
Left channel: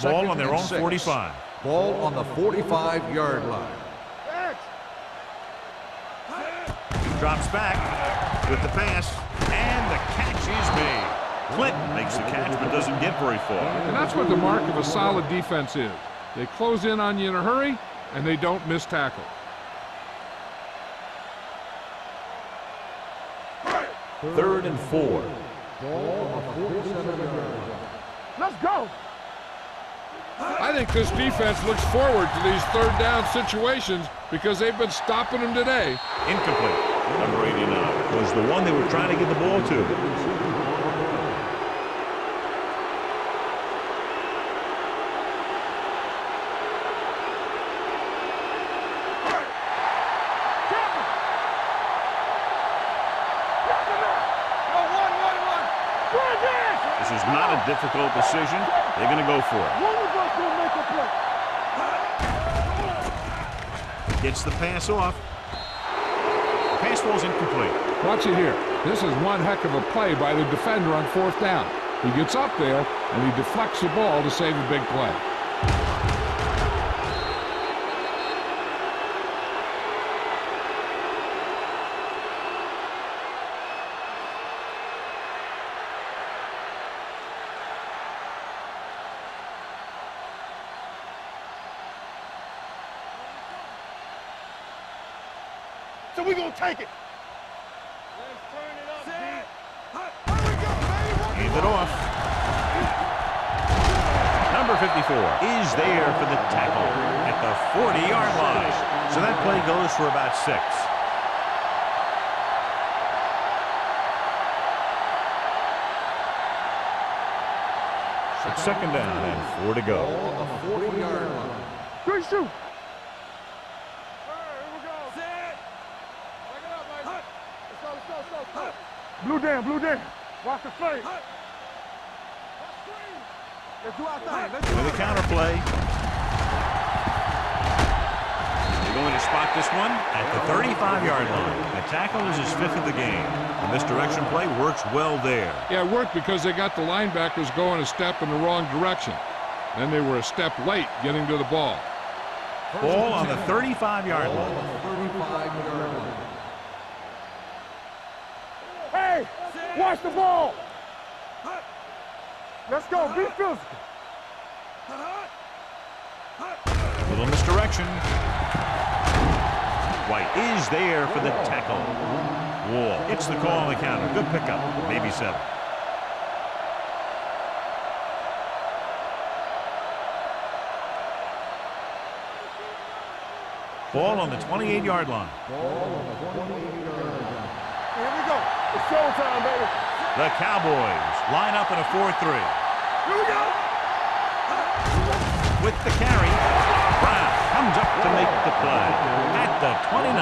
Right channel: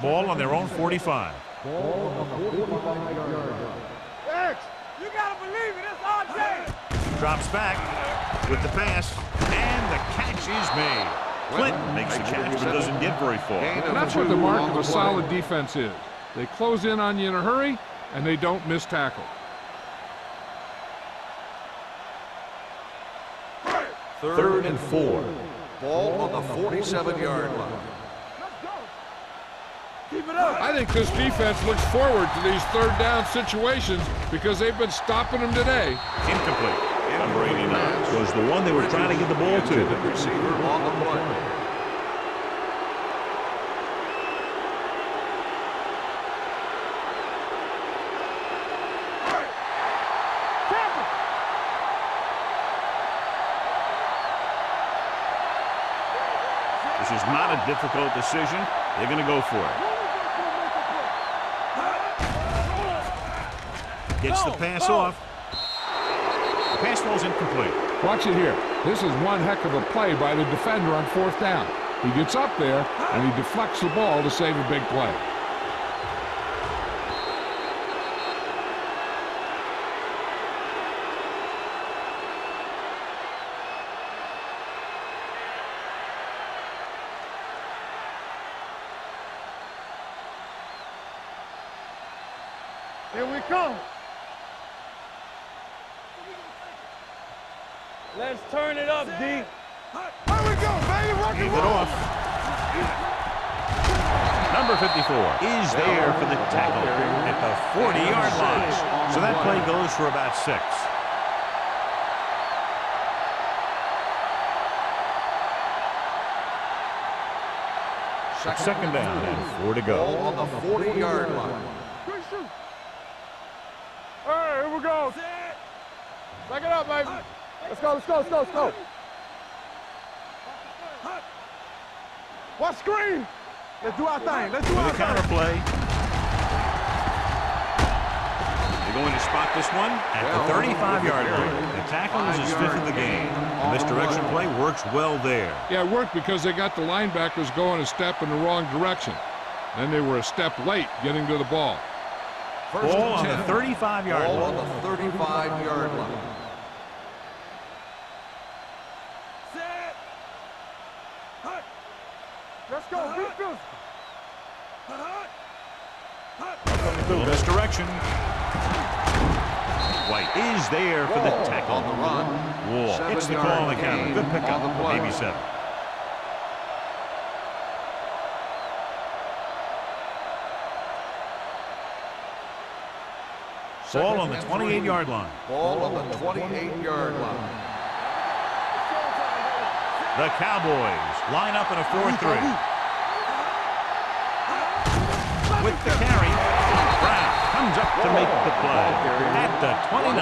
Ball on their own 45. Ball on the 45-yard line. X, you gotta believe it. It's our time. Drops back with the pass, and the catch is made. Clinton makes the catch but doesn't get very far. And that's what the mark of a solid defense is. They close in on you in a hurry, and they don't miss tackle. Third and 4. Ball on the 47-yard line. Let's go. Keep it up. I think this defense looks forward to these third down situations because they've been stopping them today. Incomplete. Number 89 was the one they were trying to get the ball to. Receiver on the play. This is not a difficult decision. They're going to go for it. One of us will make a play. Gets the pass off. The pass ball's incomplete. Watch it here. This is one heck of a play by the defender on fourth down. He gets up there, and he deflects the ball to save a big play. Here we come. So we gonna take it. Let's turn it up, D. Here we go, baby. Rock and Gave it roll. off. Number 54 is there for the tackle at the 40-yard line. So that play goes for about 6. Second down and 4 to Ball go. on the 40-yard line. Good shoot. Here we go. Back it up, baby. Let's go, let's go, let's go, let's go. Blue down, blue down. Watch the face. Watch screen. Let's do our thing. Let's do With our a thing. counter play. They're going to spot this one at the 35-yard line. The tackle is his 5th of the game. The misdirection play works well there. Yeah, it worked because they got the linebackers going a step in the wrong direction. Then they were a step late getting to the ball. Ball on the 35-yard Ball line. on the 35-yard line. Hey, watch the ball. Let's go. Be physical. Little misdirection. White is there for the tackle. On the run. Wall hits the call on the counter. Good pickup. Maybe 7. Ball on the 28-yard line. Ball on the 28-yard line. Here we go. It's showtime, baby. The Cowboys line up in a 4-3. With the carry, Brown comes up to make the play at the 29.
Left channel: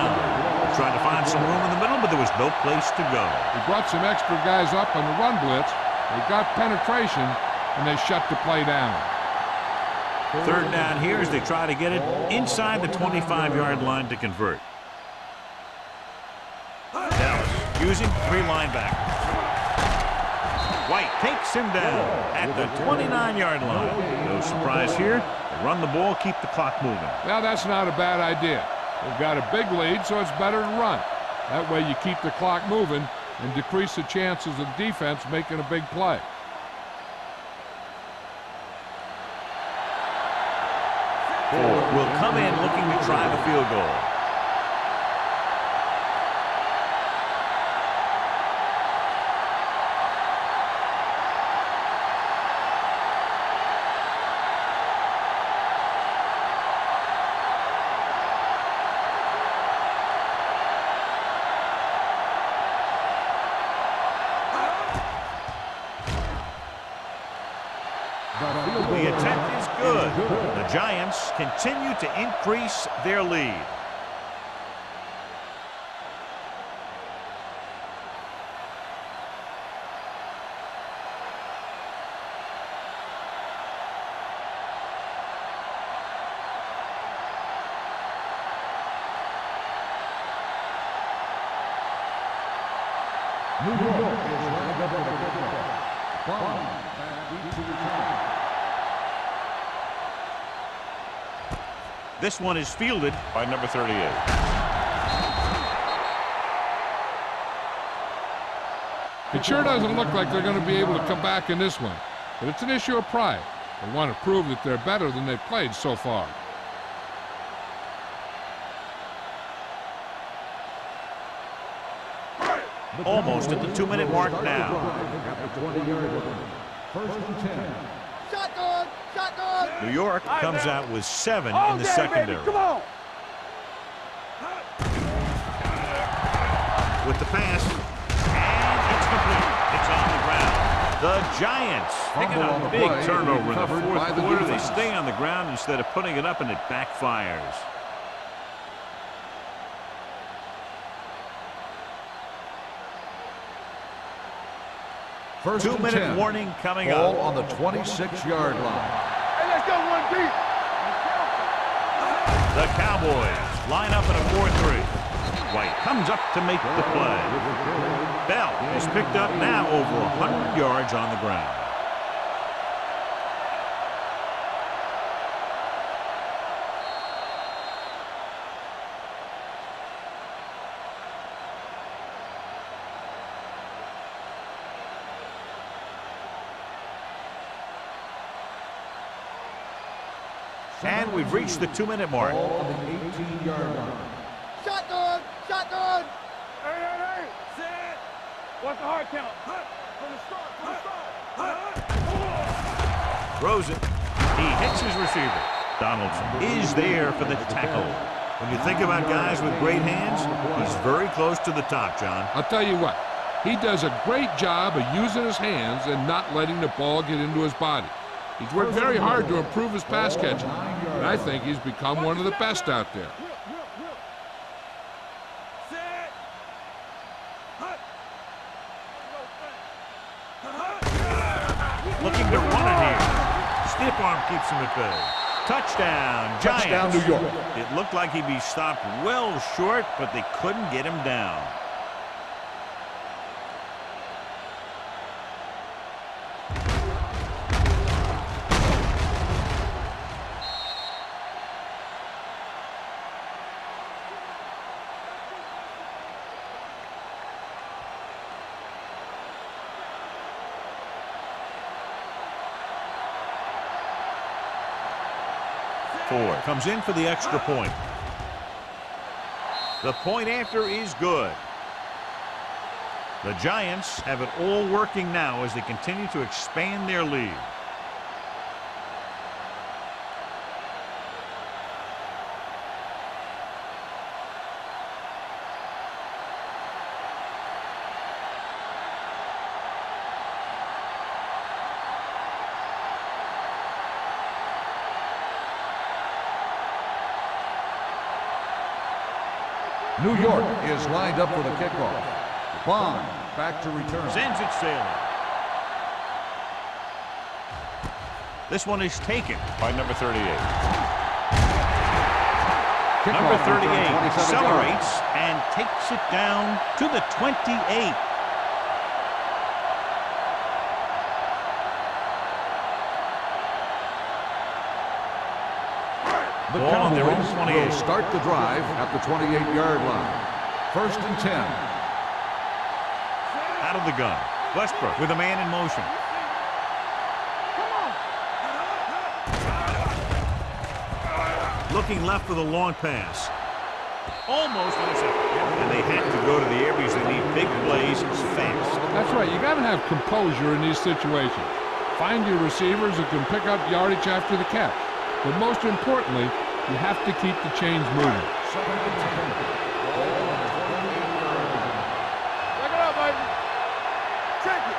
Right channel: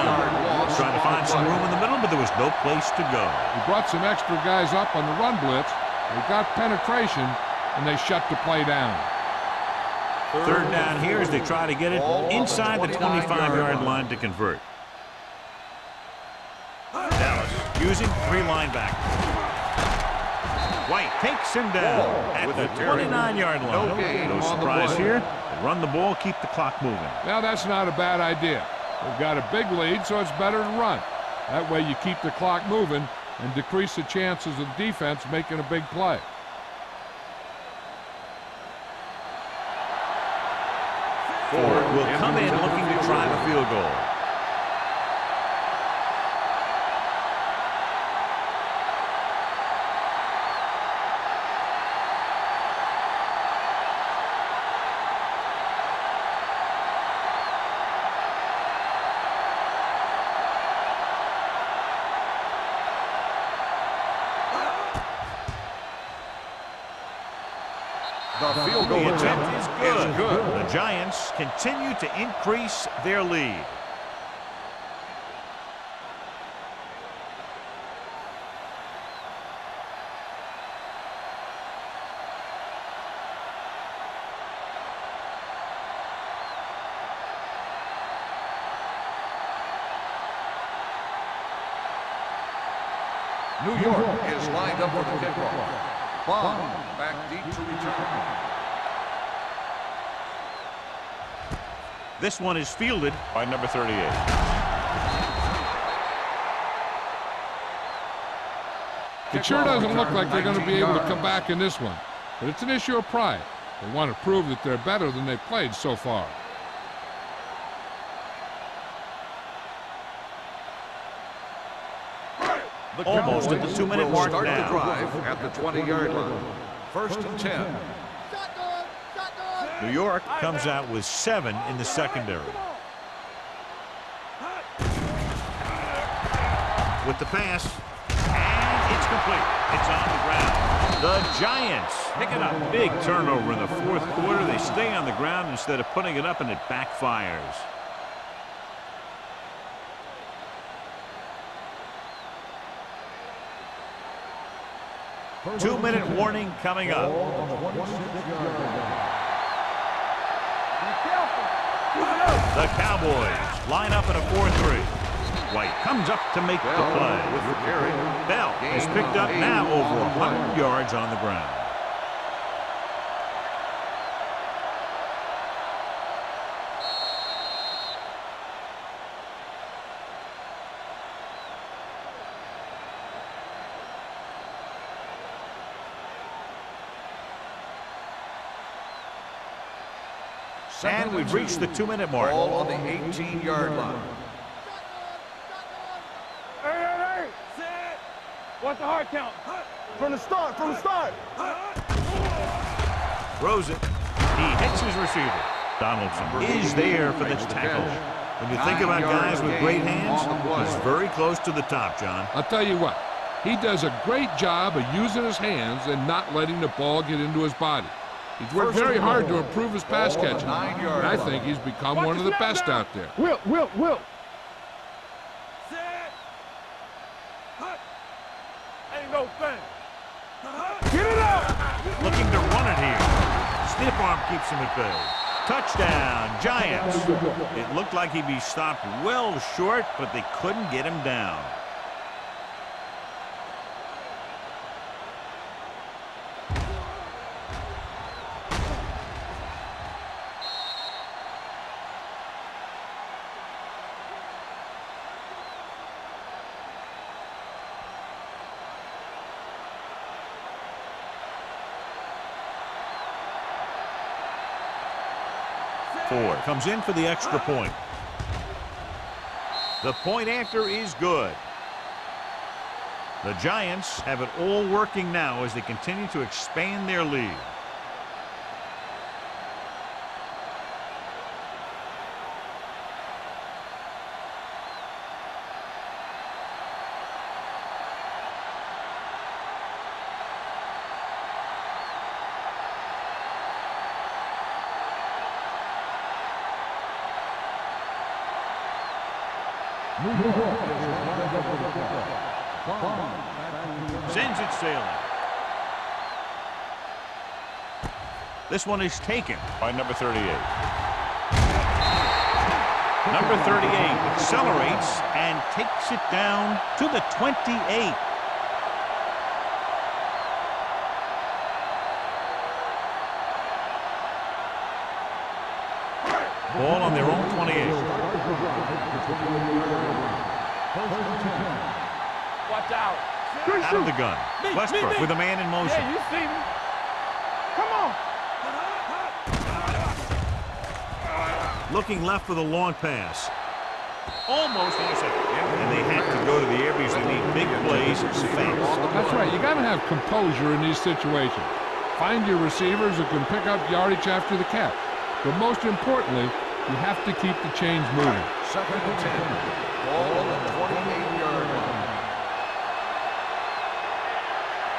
Trying to find some room in the middle, but there was no place to go. He brought some extra guys up on the run blitz. They got penetration, and they shut the play down. Third down here as they try to get it inside the 25-yard line to convert. Dallas using 3 linebackers. White takes him down at the 29-yard line. No surprise here. They run the ball, keep the clock moving. Now, that's not a bad idea. They've got a big lead, so it's better to run. That way you keep the clock moving and decrease the chances of the defense making a big play. Ford will come in looking to try the field goal. The attempt is good. The Giants continue to increase their lead. New York is lined up for the kickoff. Bond back deep to return. This one is fielded by number 38. It sure doesn't look like they're going to be able to come back in this one, but it's an issue of pride. They want to prove that they're better than they've played so far. Almost at the 2-minute mark now. At the 20-yard line. First and 10. Shotgun! Shotgun! New York comes out with 7 in the secondary. Come on! With the pass, and it's complete. It's on the ground. The Giants picking up big turnover in the fourth quarter. They stay on the ground instead of putting it up, and it backfires. First 2-minute warning coming up. Ball on the 26-yard line. Hey, let's go one deep. Be careful. The Cowboys line up in a 4-3. White comes up to make the play. Bell has picked up now over 100 yards on the ground. And we've reached the 2-minute mark. Ball on the 18-yard line. Shotgun! Shotgun! Hey! Set! What's the hard count? From the start, from the start. Throws it. He hits his receiver. Donaldson is there for the tackle. When you think about guys with great hands, he's very close to the top, John. I'll tell you what, he does a great job of using his hands and not letting the ball get into his body. He's worked very hard to improve his pass catching, and I think he's become one of the best out there. Will. Set! Hut! Ain't no thing. Looking to run it here. Stiff arm keeps him at bay. Touchdown, Giants. Touchdown, New York. It looked like he'd be stopped well short, but they couldn't get him down. Ford comes in for the extra point. The point after is good. The Giants have it all working now as they continue to expand their lead. New York is lined up for the kickoff. Bond back to return. Sends it sailing. This one is taken by number 38. Number 38 accelerates and takes it down to the 28. Ball on their own 28. Start the drive at the 28-yard line. First and 10. Watch out. Out of the gun. Westbrook with a man in motion. Come on. Looking left for the long pass. Almost intercepted. And they had to go to the air because they need big plays fast. That's right. You got to have composure in these situations. Find your receivers who can pick up yardage after the catch. But most importantly, you have to keep the chains moving. Second and 10. Ball on the 28-yard line. Check it out, baby. Check it.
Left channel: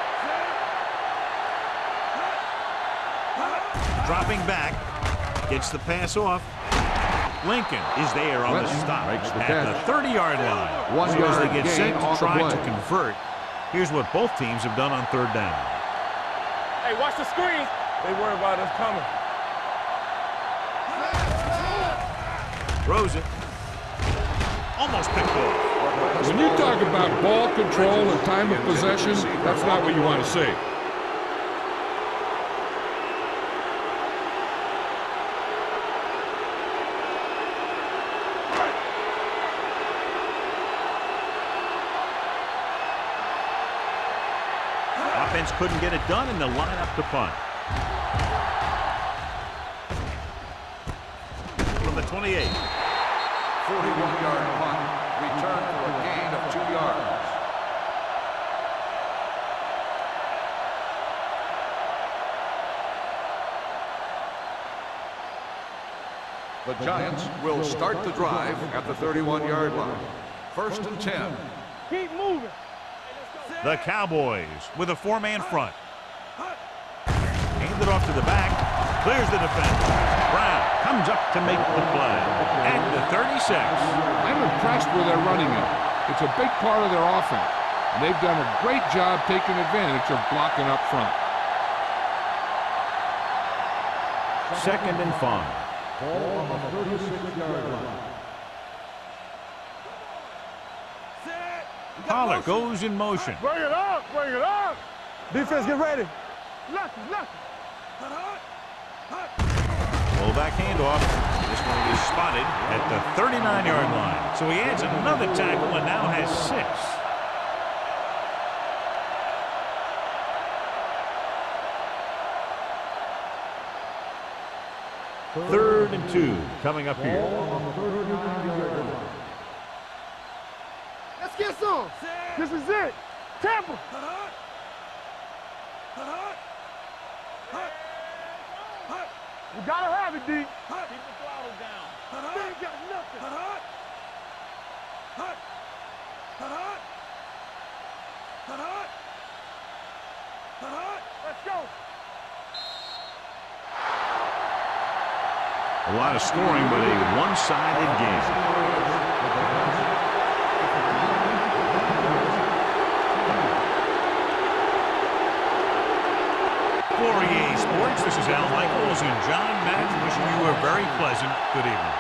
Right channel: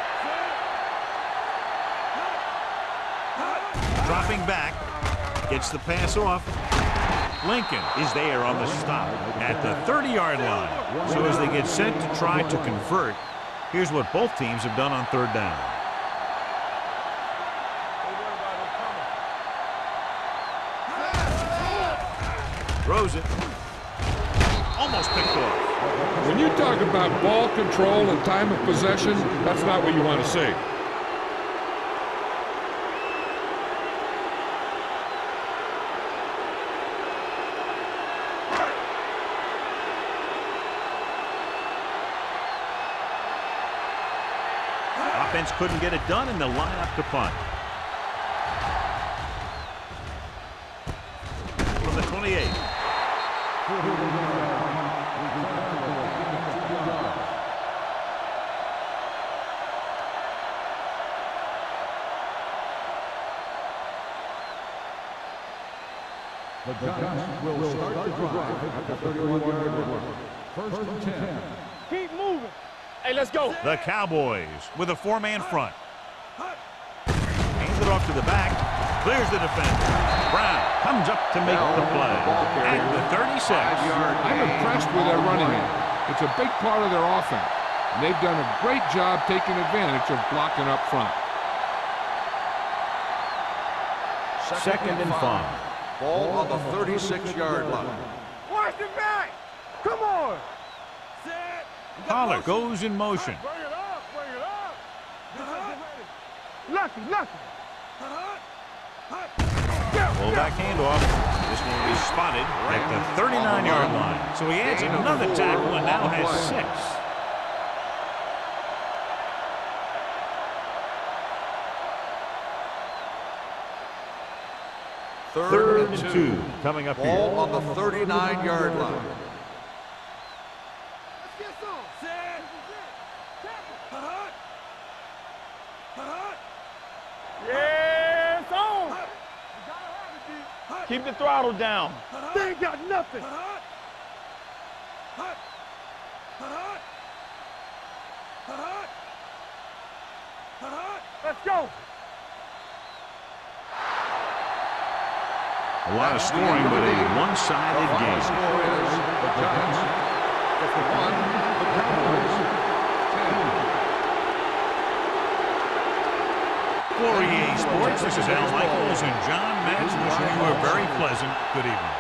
Set. Dropping back. Gets the pass off. Lincoln is there on the stop at the 30-yard line. So as they get set to try to convert, here's what both teams have done on third down. Hey, watch the screen. They worry about us coming. Throws it. Almost picked off. When you talk about ball control and time of possession, that's not what you want to see. offense couldn't get it done, and they'll line up to punt. From the 28. 41-yard punt. Return for a gain of 2 yards. The Giants will start the drive at the 31-yard line. First and 10. Keep moving. Hey, let's go. The Cowboys with a 4-man front. Hands it off to the back. Clears the defender. Brown comes up to make the play at the 36. I'm impressed with their running game. It's a big part of their offense, and they've done a great job taking advantage of blocking up front. Second and 5. Ball on the 36-yard line. Watch the back. Come on. Set. Pollard goes in motion. Bring it up. Bring it up. Defense, get ready. Lucky, lucky. Fullback handoff. This one will be spotted at the 39-yard line. So he adds another tackle and now has 6. Third and 2 coming up here. Ball on the 39-yard line. Let's get some. This is it. Tampa. Yeah, it's on. We gotta have it, D. Keep the throttle down. They ain't got nothing. Let's go. A lot of scoring, but a one-sided The game. score is the Giants 51, the Cowboys 10. For EA Sports, this is Al Michaels and John Madden wishing you a very pleasant good evening.